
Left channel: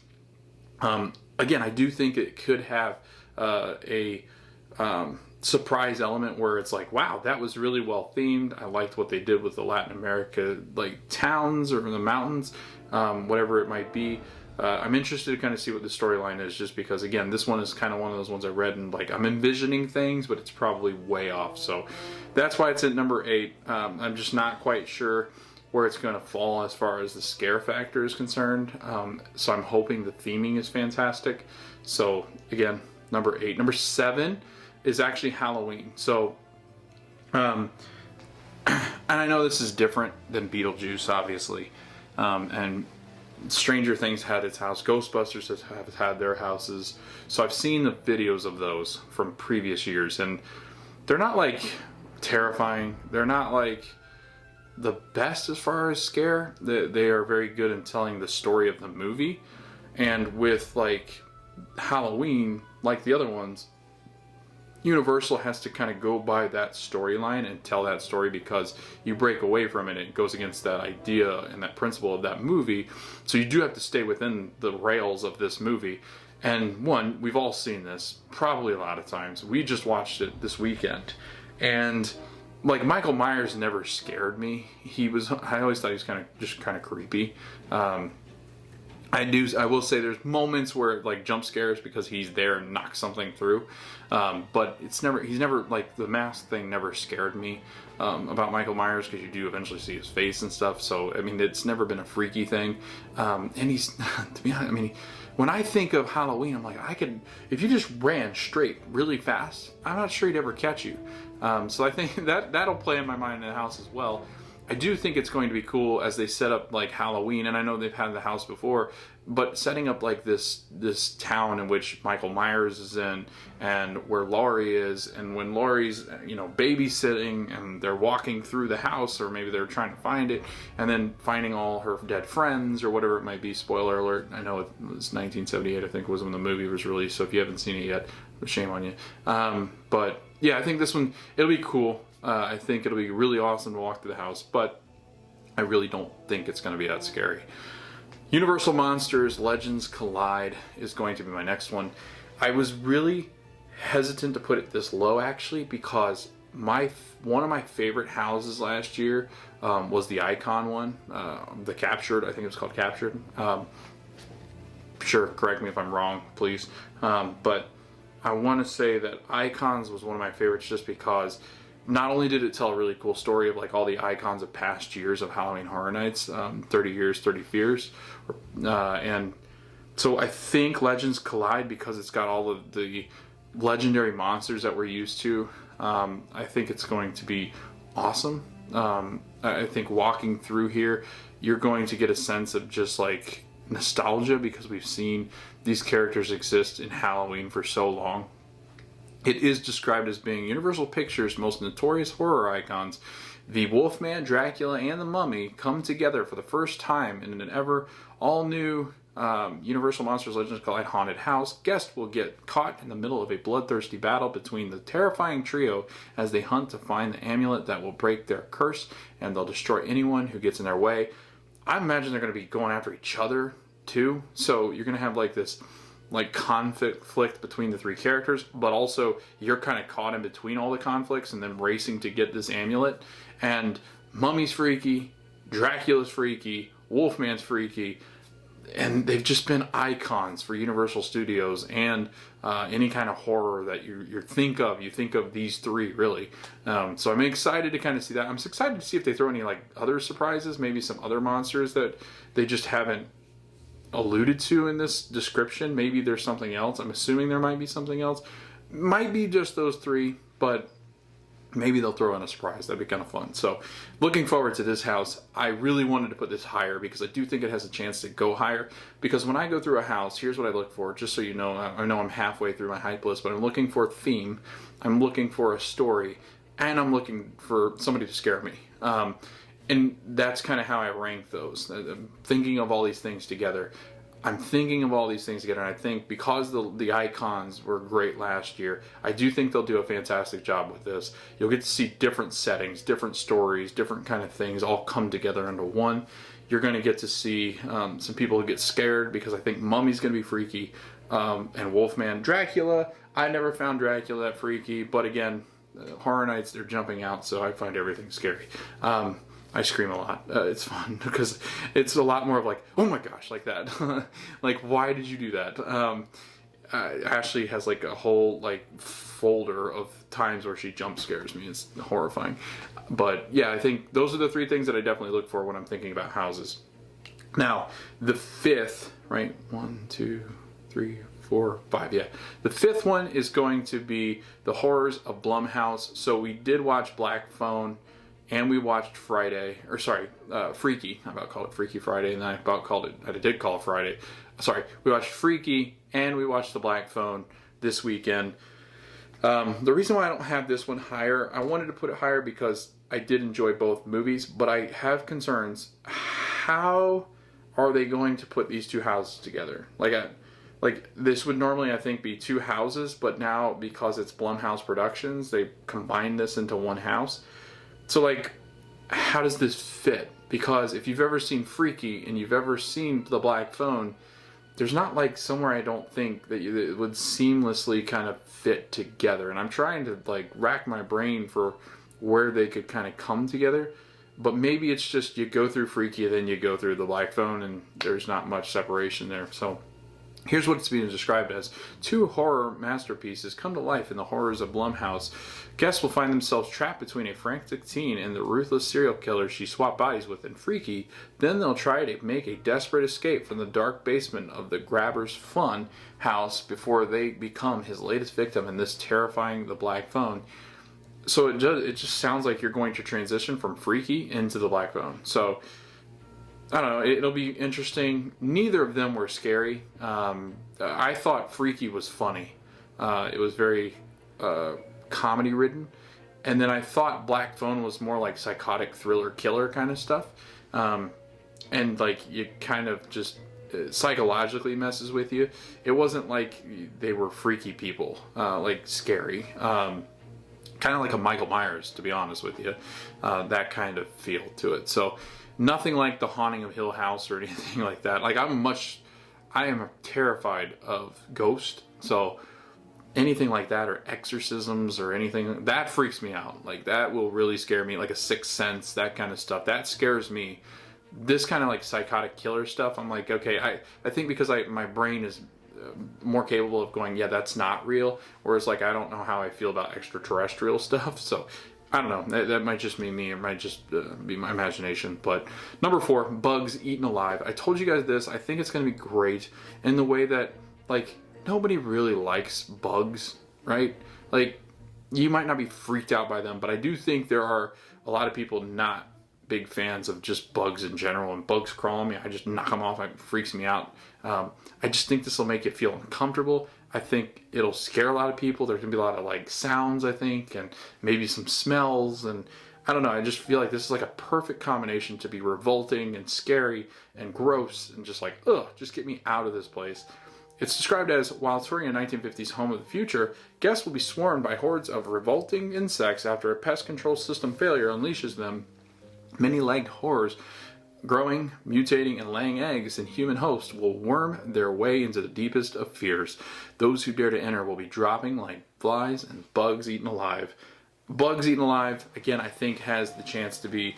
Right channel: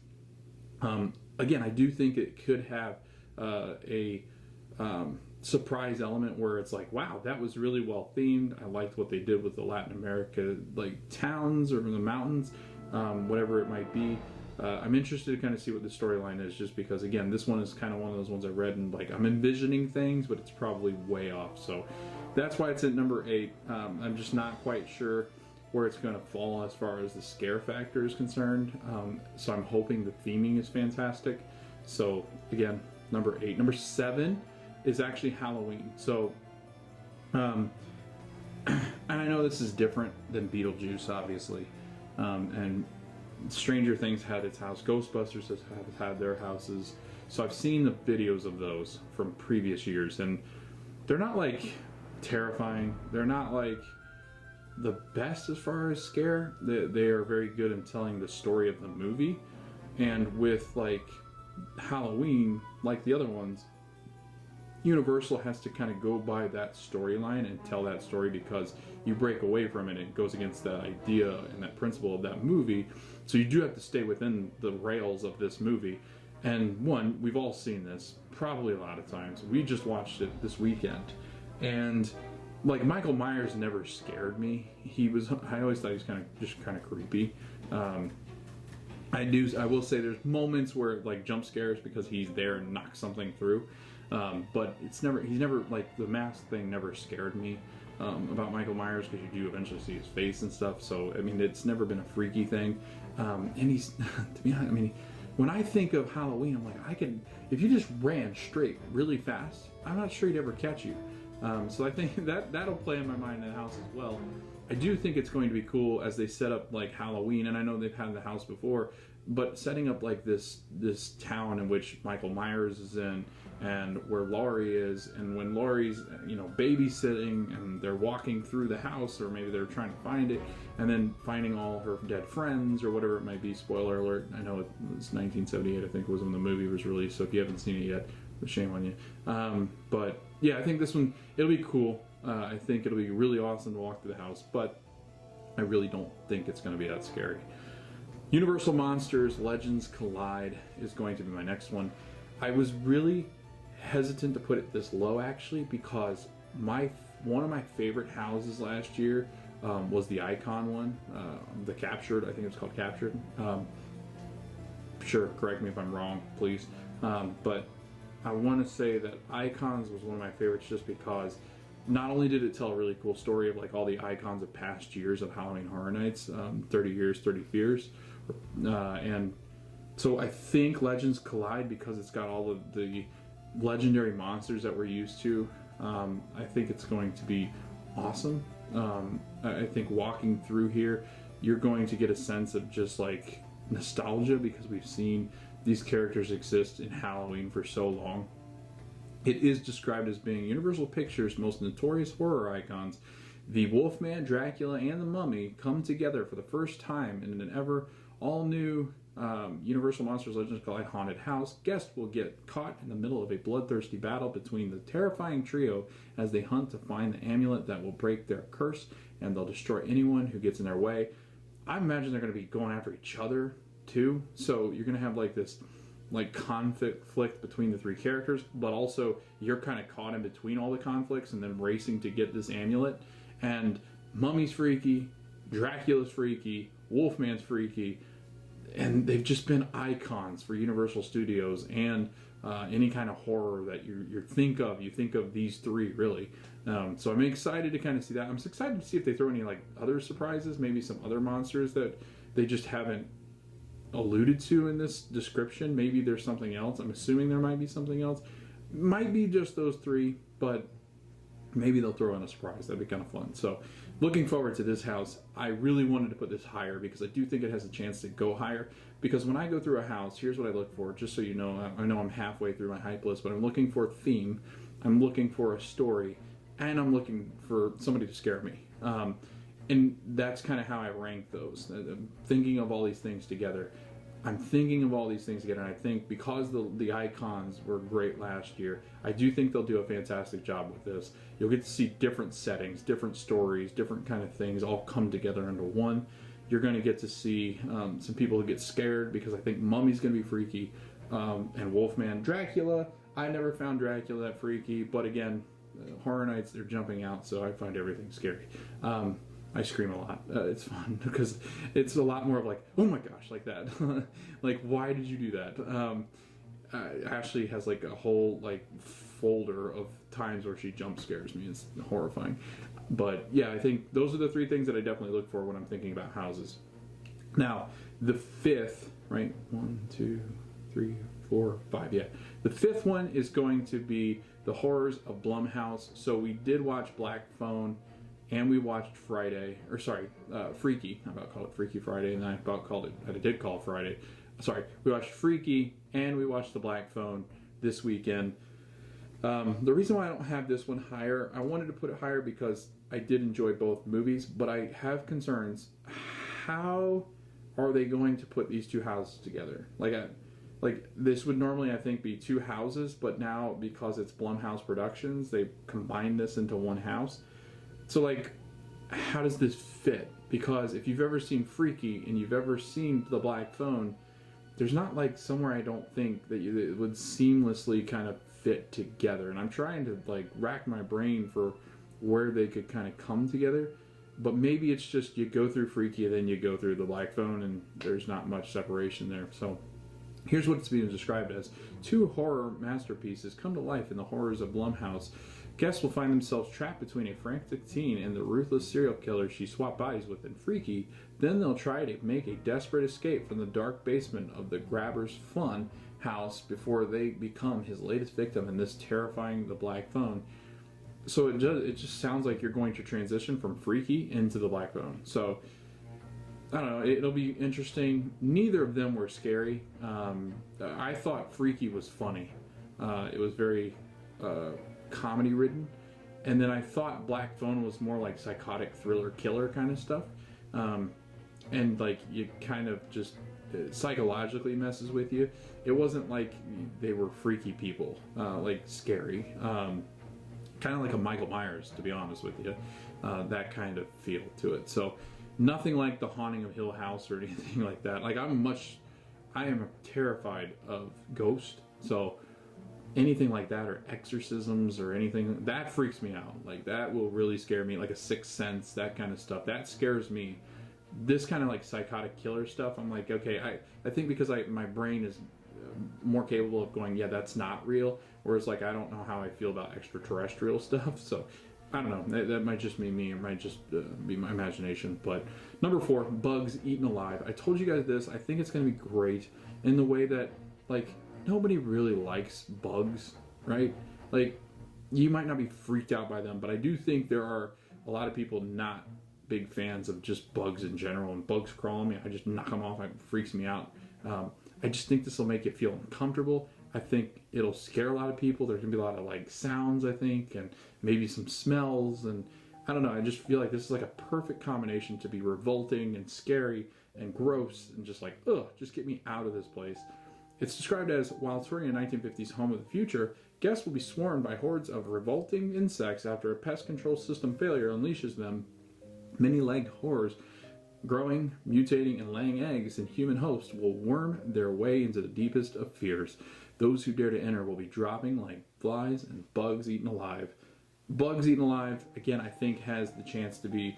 Again, I do think it could have a surprise element where it's like, wow, that was really well themed. I liked what they did with the Latin America like towns or the mountains, whatever it might be. I'm interested to kind of see what the storyline is, just because, again, this one is kind of one of those ones I read and like I'm envisioning things, but it's probably way off. So that's why it's at number 8. I'm just not quite sure where it's going to fall as far as the scare factor is concerned. So I'm hoping the theming is fantastic. So again, number 8. Number 7 is actually Halloween. So, and I know this is different than Beetlejuice, obviously, and Stranger Things had its house. Ghostbusters have had their houses. So I've seen the videos of those from previous years, and they're not like terrifying. They're not like the best as far as scare. They are very good in telling the story of the movie. And with like Halloween, like the other ones, Universal has to kind of go by that storyline and tell that story, because you break away from it, it goes against that idea and that principle of that movie. So you do have to stay within the rails of this movie. And one, we've all seen this probably a lot of times. We just watched it this weekend, and like Michael Myers never scared me. I always thought he was kind of creepy. I will say there's moments where like jump scares because he's there and knocks something through, but he's never like, the mask thing never scared me about Michael Myers, because you do eventually see his face and stuff. So I mean, it's never been a freaky thing, and he's to be honest, I mean, when I think of Halloween, I'm like, if you just ran straight really fast, I'm not sure he'd ever catch you. So I think that'll play in my mind in the house as well. I do think it's going to be cool as they set up like Halloween, and I know they've had the house before, but setting up like this town in which Michael Myers is in, and where Laurie is, and when Laurie's, you know, babysitting and they're walking through the house, or maybe they're trying to find it, and then finding all her dead friends or whatever it might be. Spoiler alert, I know it was 1978, I think, was when the movie was released, so if you haven't seen it yet, shame on you. But yeah, I think this one, it'll be cool. I think it'll be really awesome to walk through the house, but I really don't think it's going to be that scary. Universal Monsters Legends Collide is going to be my next one. I was really hesitant to put it this low, actually, because one of my favorite houses last year was the Icon one, the Captured. I think it was called Captured. Sure, correct me if I'm wrong, please. But I want to say that Icons was one of my favorites, just because not only did it tell a really cool story of like all the icons of past years of Halloween Horror Nights, 30 Years, 30 Fears, and so I think Legends Collide, because it's got all of the legendary monsters that we're used to, I think it's going to be awesome. I think walking through here, you're going to get a sense of just like nostalgia, because we've seen these characters exist in Halloween for so long. It is described as being Universal Pictures' most notorious horror icons. The Wolfman, Dracula, and the Mummy come together for the first time in an ever all-new Universal Monsters Legends Collide haunted house. Guests will get caught in the middle of a bloodthirsty battle between the terrifying trio as they hunt to find the amulet that will break their curse, and they'll destroy anyone who gets in their way. I imagine they're going to be going after each other too, so you're going to have like this like conflict between the three characters, but also you're kind of caught in between all the conflicts and then racing to get this amulet. And Mummy's freaky, Dracula's freaky, Wolfman's freaky, and they've just been icons for Universal Studios and any kind of horror that you think of these three, really. So I'm excited to kind of see that. I'm excited to see if they throw any like other surprises, maybe some other monsters that they just haven't alluded to in this description. Maybe there's something else. I'm assuming there might be something else. Might be just those three, but maybe they'll throw in a surprise. That'd be kind of fun. So looking forward to this house. I really wanted to put this higher because I do think it has a chance to go higher, because when I go through a house, here's what I look for, just so you know. I know I'm halfway through my hype list, but I'm looking for a theme, I'm looking for a story, and I'm looking for somebody to scare me. And that's kind of how I rank those. I'm thinking of all these things together. And I think because the icons were great last year, I do think they'll do a fantastic job with this. You'll get to see different settings, different stories, different kind of things all come together into one. You're going to get to see some people who get scared, because I think Mummy's going to be freaky, and Wolfman. Dracula, I never found Dracula that freaky, but again, Horror Nights, they're jumping out, so I find everything scary. I scream a lot. It's fun because it's a lot more of like, oh my gosh, like that. Like, why did you do that? Ashley has like a whole like folder of times where she jump scares me. It's horrifying. But yeah, I think those are the three things that I definitely look for when I'm thinking about houses. Now, the fifth, right? 1, 2, 3, 4, 5. Yeah, the fifth one is going to be the horrors of Blumhouse. So we did watch Black Phone, and we watched Freaky. I about called it Freaky Friday, and I did call it Friday. Sorry, we watched Freaky, and we watched the Black Phone this weekend. The reason why I don't have this one higher, I wanted to put it higher because I did enjoy both movies, but I have concerns. How are they going to put these two houses together? Like this would normally, I think, be two houses, but now because it's Blumhouse Productions, they combine this into one house. So like, how does this fit? Because if you've ever seen Freaky and you've ever seen The Black Phone, there's not like somewhere I don't think that it would seamlessly kind of fit together. And I'm trying to like rack my brain for where they could kind of come together. But maybe it's just you go through Freaky, then you go through The Black Phone, and there's not much separation there. So here's what it's being described as. Two horror masterpieces come to life in the horrors of Blumhouse. Guests will find themselves trapped between a frantic teen and the ruthless serial killer she swapped bodies with in Freaky. Then they'll try to make a desperate escape from the dark basement of the grabber's fun house before they become his latest victim in this terrifying The Black Phone. So it just sounds like you're going to transition from Freaky into The Black Phone. So I don't know, it'll be interesting. Neither of them were scary. I thought Freaky was funny. It was very comedy ridden. And then I thought Black Phone was more like psychotic thriller killer kind of stuff. And like you kind of just psychologically messes with you. It wasn't like they were freaky people, like scary. Kind of like a Michael Myers, to be honest with you. That kind of feel to it. So nothing like The Haunting of Hill House or anything like that. Like I am terrified of ghosts. So anything like that, or exorcisms or anything, that freaks me out. Like that will really scare me. Like a Sixth Sense, that kind of stuff. That scares me. This kind of like psychotic killer stuff, I'm like, okay, I think because my brain is more capable of going, yeah, that's not real. Whereas like I don't know how I feel about extraterrestrial stuff. So I don't know. That might just be me. It might just be my imagination. But number 4, Bugs Eaten Alive. I told you guys this. I think it's going to be great in the way that like nobody really likes bugs, right? Like you might not be freaked out by them, but I do think there are a lot of people not big fans of just bugs in general, and bugs crawl on me, I just knock them off. It freaks me out. I just think this will make it feel uncomfortable. I think it'll scare a lot of people. There's gonna be a lot of like sounds, I think, and maybe some smells, and I don't know. I just feel like this is like a perfect combination to be revolting and scary and gross and just like, ugh, just get me out of this place. It's described as, while touring a 1950s home of the future, guests will be swarmed by hordes of revolting insects after a pest control system failure unleashes them. Many-legged horrors, growing, mutating, and laying eggs in human hosts, will worm their way into the deepest of fears. Those who dare to enter will be dropping like flies and bugs eaten alive. Bugs Eaten Alive, again, I think has the chance to be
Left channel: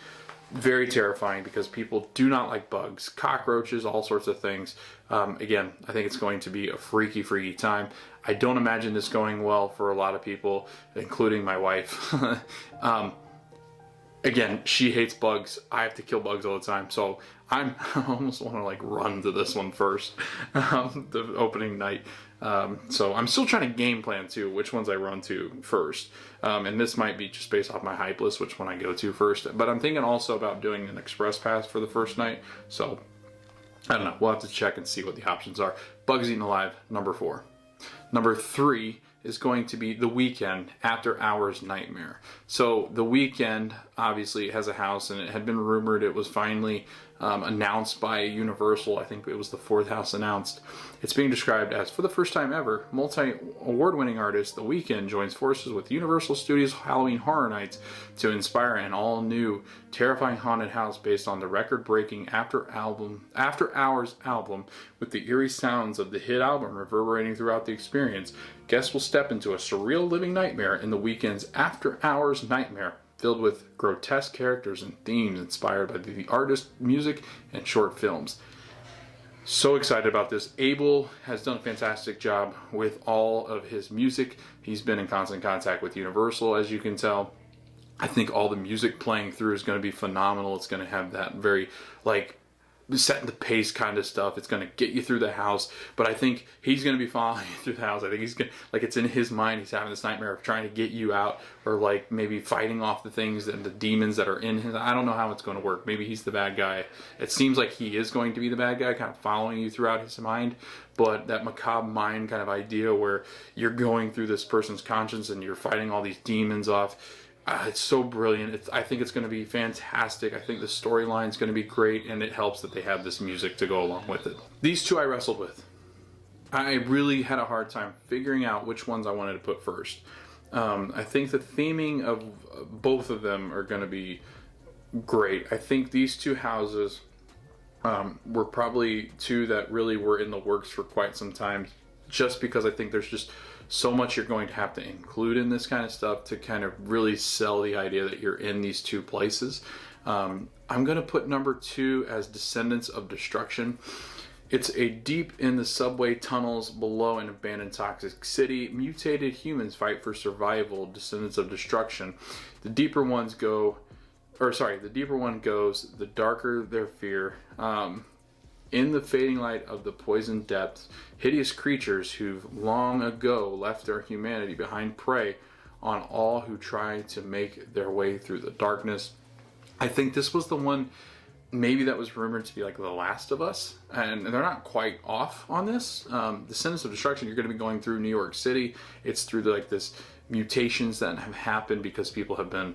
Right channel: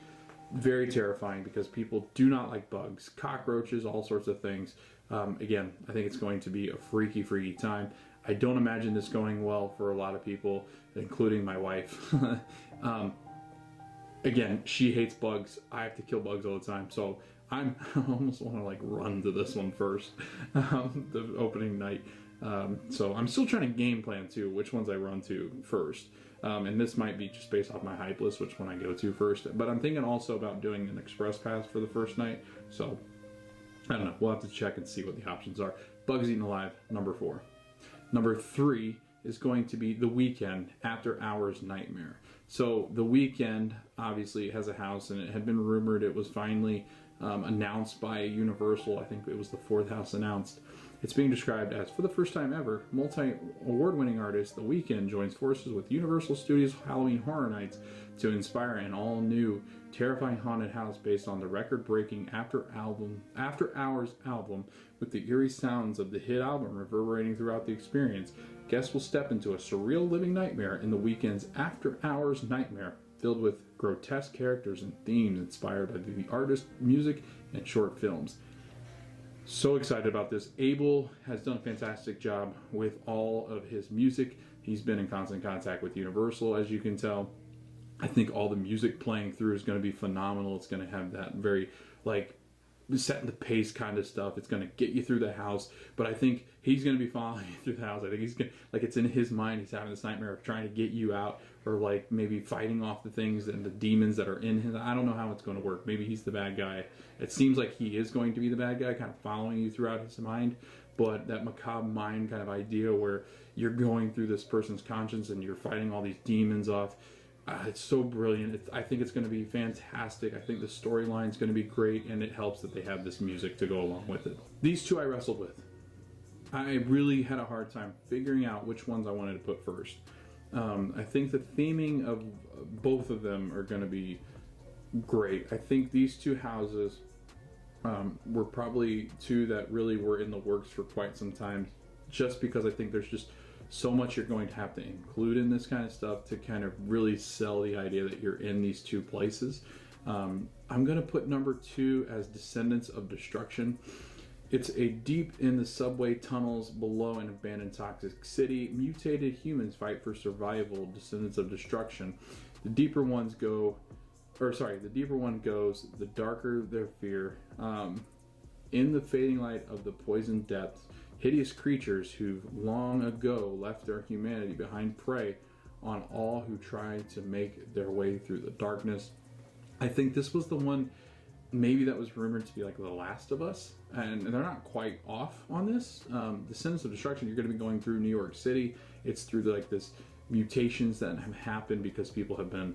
very terrifying because people do not like bugs, cockroaches, all sorts of things. Again, I think it's going to be a freaky, freaky time. I don't imagine this going well for a lot of people, including my wife. Again, she hates bugs. I have to kill bugs all the time. So I almost want to like run to this one first, the opening night. So I'm still trying to game plan too, which ones I run to first. And this might be just based off my hype list, which one I go to first. But I'm thinking also about doing an express pass for the first night. So I don't know. We'll have to check and see what the options are. Bugs Eaten Alive, number 4. Number 3 is going to be The Weeknd After Hours Nightmare. So The Weeknd obviously has a house, and it had been rumored it was finally announced by Universal. I think it was the 4th house announced. It's being described as, for the first time ever, multi-award-winning artist The Weeknd joins forces with Universal Studios Halloween Horror Nights to inspire an all-new, terrifying haunted house based on the record-breaking After Hours album, with the eerie sounds of the hit album reverberating throughout the experience. Guests will step into a surreal living nightmare in The Weeknd's After Hours Nightmare. filled with grotesque characters and themes inspired by the artist, music, and short films. So excited about this. Abel has done a fantastic job with all of his music. He's been in constant contact with Universal, as you can tell. I think all the music playing through is going to be phenomenal. It's going to have that very, like, setting the pace kind of stuff. It's going to get you through the house, but I think he's going to be following you through the house. I think he's going to, like, it's in his mind. He's having this nightmare of trying to get you out, or like maybe fighting off the things and the demons that are in him. I don't know how it's going to work. Maybe he's the bad guy. It seems like he is going to be the bad guy, kind of following you throughout his mind. But that macabre mind kind of idea where you're going through this person's conscience and you're fighting all these demons off. It's so brilliant. I think it's going to be fantastic. I think the storyline is going to be great, and it helps that they have this music to go along with it. These two I wrestled with. I really had a hard time figuring out which ones I wanted to put first. I think the theming of both of them are going to be great. I think these two houses were probably two that really were in the works for quite some time, just because I think there's just so much you're going to have to include in this kind of stuff to kind of really sell the idea that you're in these two places. I'm going to put number 2 as Descendants of Destruction. It's a deep in the subway tunnels below an abandoned toxic city. Mutated humans fight for survival. Descendants of Destruction. The deeper one goes, the darker their fear. In the fading light of the poisoned depths, hideous creatures who've long ago left their humanity behind prey on all who try to make their way through the darkness. I think this was the one maybe that was rumored to be like The Last of Us, and they're not quite off on this. Descendants of Destruction, you're going to be going through New York City. It's through like this mutations that have happened because people have been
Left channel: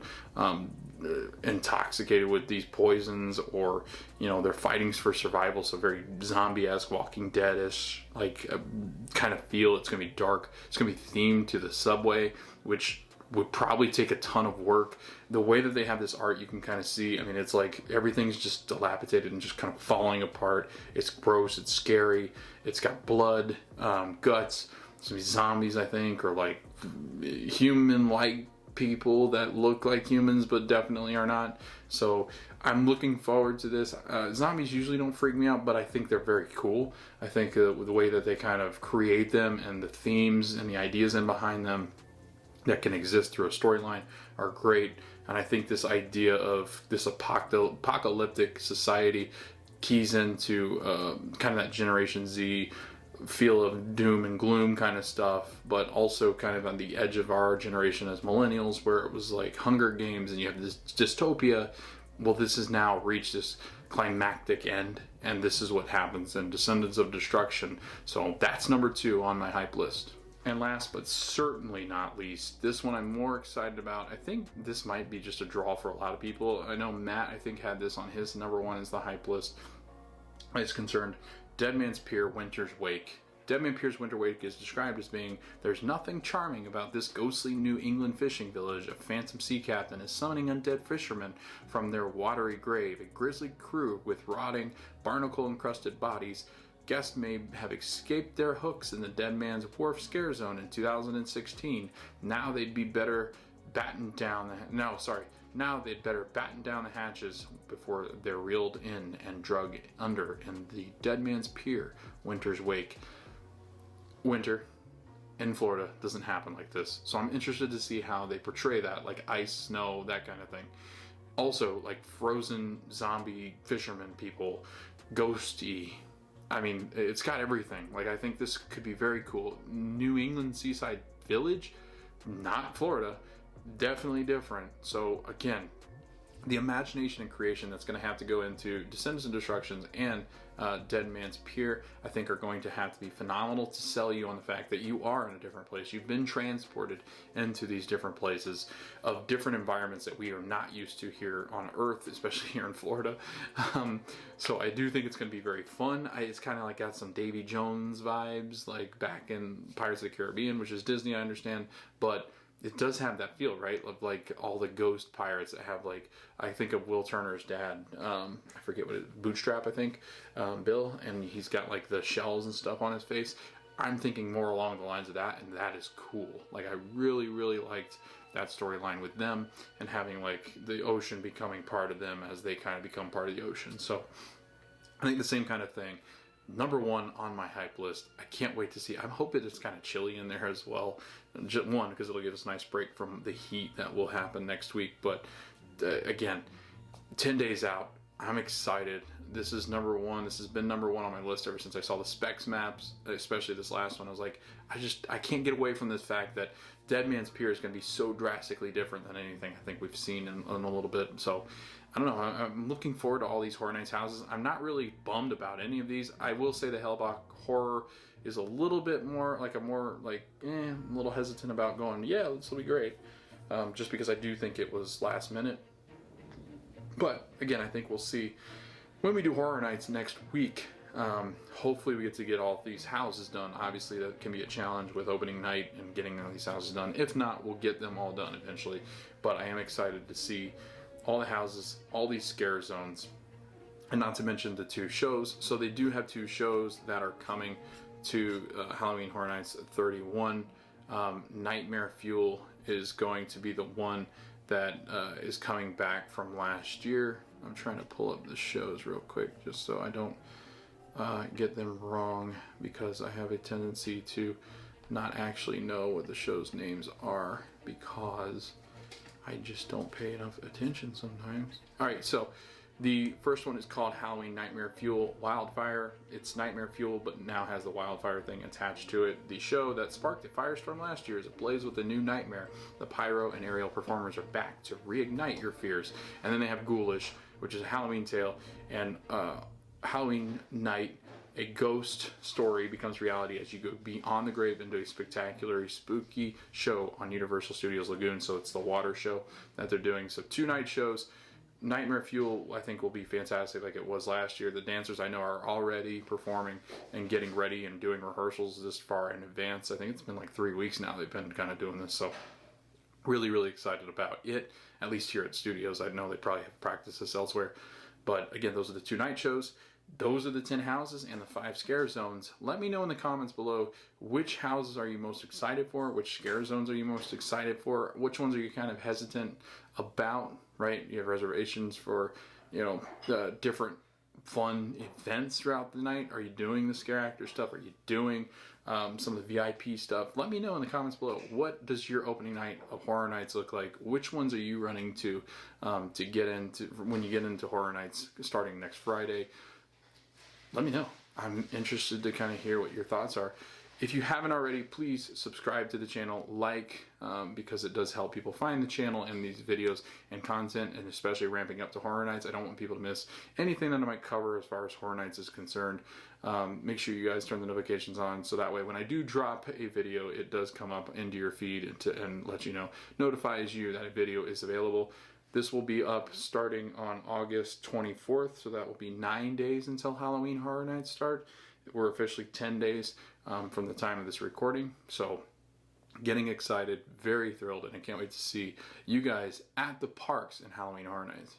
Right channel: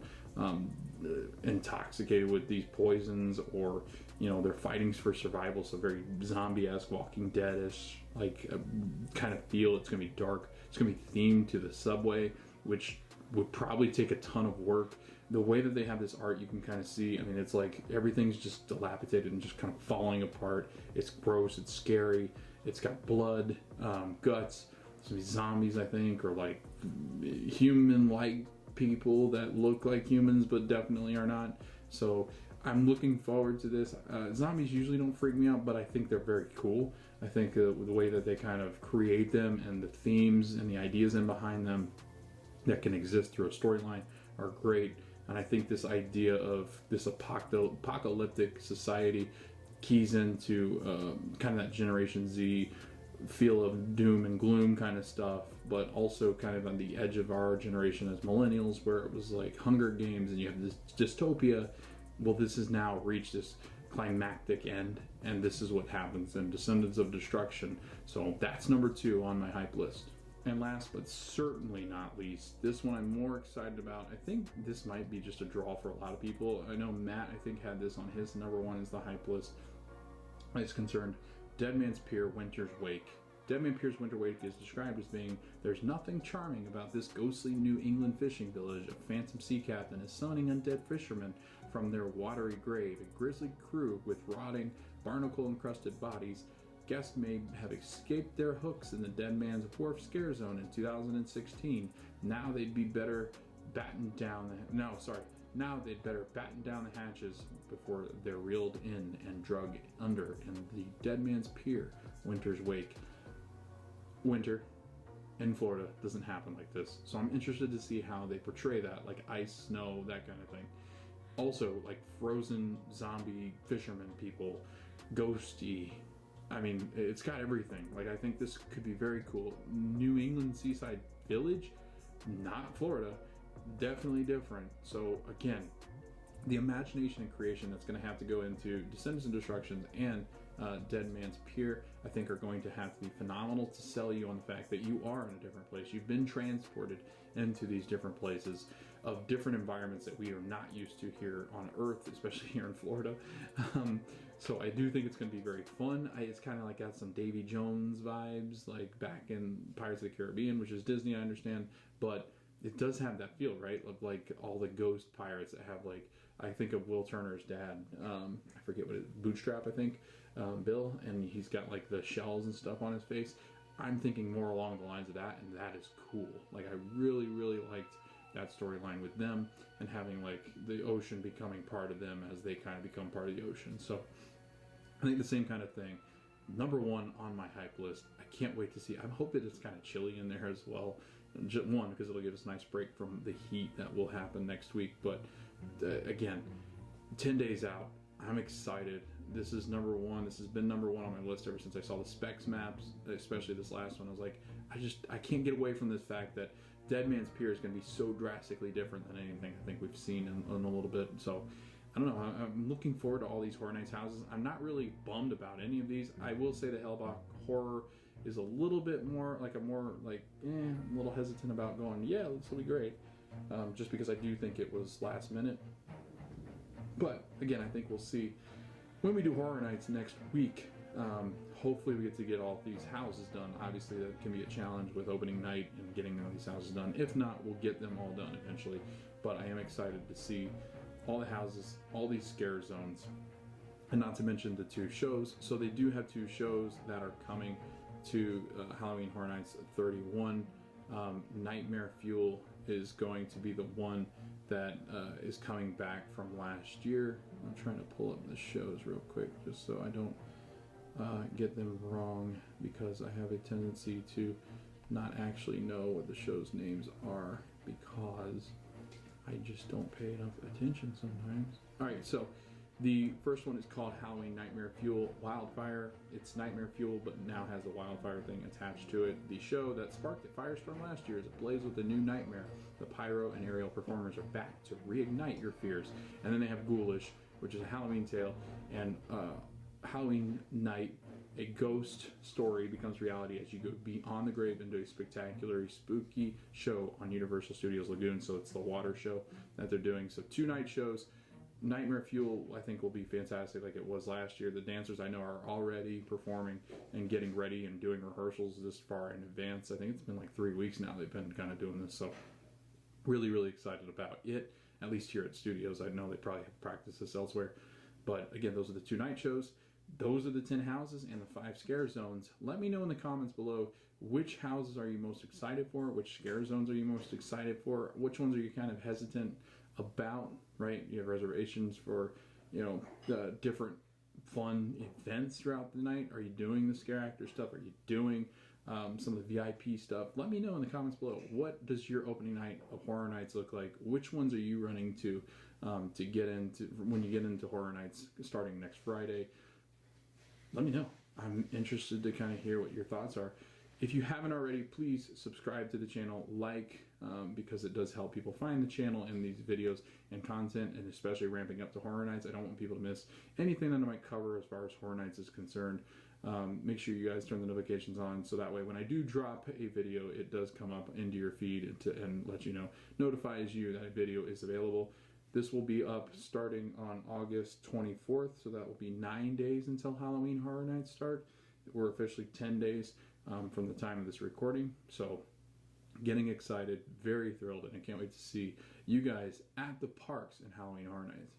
intoxicated with these poisons, or they're fighting for survival. So very zombie-esque, Walking Dead-ish like kind of feel. It's gonna be dark. It's gonna be themed to the subway, which would probably take a ton of work. The way that they have this art, you can kind of see, I mean, it's like everything's just dilapidated and just kind of falling apart. It's gross, it's scary, it's got blood, guts, some zombies, I think, or like human-like people that look like humans but definitely are not. So I'm looking forward to this. Zombies usually don't freak me out, but I think they're very cool. I think the way that they kind of create them and the themes and the ideas in behind them that can exist through a storyline are great. And I think this idea of this apocalyptic society keys into kind of that Generation Z feel of doom and gloom kind of stuff, but also kind of on the edge of our generation as millennials, where it was like Hunger Games and you have this dystopia. Well, this has now reached this climactic end, and this is what happens in Descendants of Destruction. So that's number 2 on my hype list. And last but certainly not least, this one I'm more excited about. I think this might be just a draw for a lot of people. I know Matt, I think, had this on his number 1 as the hype list. It's concerned Dead Man's Pier, Winter's Wake. Dead Man Pier's Winter Wake is described as being, there's nothing charming about this ghostly New England fishing village. A phantom sea captain is summoning undead fishermen from their watery grave. A grisly crew with rotting, barnacle-encrusted bodies. Guests may have escaped their hooks in the Dead Man's Wharf scare zone in 2016. Now they'd better batten down the hatches before they're reeled in and drug under in the Dead Man's Pier, Winter's Wake. Winter in Florida doesn't happen like this, so I'm interested to see how they portray that, like ice, snow, that kind of thing. Also, like frozen zombie fishermen people, ghosty. I mean, it's got everything. Like, I think this could be very cool. New England seaside village, not Florida, definitely different. So again, the imagination and creation that's going to have to go into Descendants of Destruction and Dead Man's Pier, I think, are going to have to be phenomenal to sell you on the fact that you are in a different place. You've been transported into these different places of different environments that we are not used to here on Earth, especially here in Florida. So I do think it's going to be very fun. It's kind of like got some Davy Jones vibes, like back in Pirates of the Caribbean, which is Disney, I understand, but it does have that feel, right? Of like all the ghost pirates that have, like, I think of Will Turner's dad. I forget what it is, Bootstrap, I think, Bill, and he's got like the shells and stuff on his face. I'm thinking more along the lines of that, and that is cool. Like, I really, really liked that storyline with them and having like the ocean becoming part of them as they kind of become part of the ocean. So I think the same kind of thing. Number one on my hype list. I can't wait to see. I'm hoping it's kind of chilly in there as well. Just one, because it'll give us a nice break from the heat that will happen next week. But again, 10 days out, I'm excited. This is number one. This has been number one on my list ever since I saw the specs maps, especially this last one. I was like, I can't get away from this fact that Dead Man's Pier is going to be so drastically different than anything I think we've seen in a little bit. So I don't know. I'm looking forward to all these Horror Nights houses. I'm not really bummed about any of these. I will say the HELLBLOCK horror is a little bit more like a little hesitant about going, yeah, this will be great. Just because I do think it was last minute. But again, I think we'll see when we do Horror Nights next week. Hopefully we get to get all these houses done. Obviously that can be a challenge with opening night and getting all these houses done. If not, we'll get them all done eventually. But I am excited to see all the houses, all these scare zones, and not to mention the 2 shows. So they do have 2 shows that are coming to Halloween Horror Nights 31. Nightmare Fuel is going to be the one that is coming back from last year. I'm trying to pull up the shows real quick just so I don't get them wrong, because I have a tendency to not actually know what the show's names are because I just don't pay enough attention sometimes. Alright, so the first one is called Halloween Nightmare Fuel Wildfire. It's Nightmare Fuel, but now has the wildfire thing attached to it. The show that sparked a firestorm last year is ablaze with a new nightmare. The pyro and aerial performers are back to reignite your fears. And then they have Ghoulish, which is a Halloween tale, and Halloween night, a ghost story becomes reality as you go beyond the grave into a spectacular, spooky show on Universal Studios Lagoon. So it's the water show that they're doing. So 2 night shows. Nightmare Fuel, I think, will be fantastic like it was last year. The dancers I know are already performing and getting ready and doing rehearsals this far in advance. I think it's been like 3 weeks now they've been kind of doing this. So really, really excited about it, at least here at studios. I know they probably have practiced this elsewhere. But again, those are the 2 night shows. Those are the 10 houses and the 5 scare zones. Let me know in the comments below, which houses are you most excited for? Which scare zones are you most excited for? Which ones are you kind of hesitant about, right? You have reservations for, the different fun events throughout the night. Are you doing the scare actor stuff? Are you doing some of the VIP stuff? Let me know in the comments below. What does your opening night of Horror Nights look like? Which ones are you running to get into when you get into Horror Nights starting next Friday? Let me know. I'm interested to kind of hear what your thoughts are. If you haven't already, please subscribe to the channel, because it does help people find the channel and these videos and content, and especially ramping up to Horror Nights. I don't want people to miss anything that I might cover as far as Horror Nights is concerned. Make sure you guys turn the notifications on so that way when I do drop a video, it does come up into your feed and let you know, notifies you that a video is available. This will be up starting on August 24th, so that will be 9 days until Halloween Horror Nights start. We're officially 10 days from the time of this recording, so getting excited, very thrilled, and I can't wait to see you guys at the parks in Halloween Horror Nights.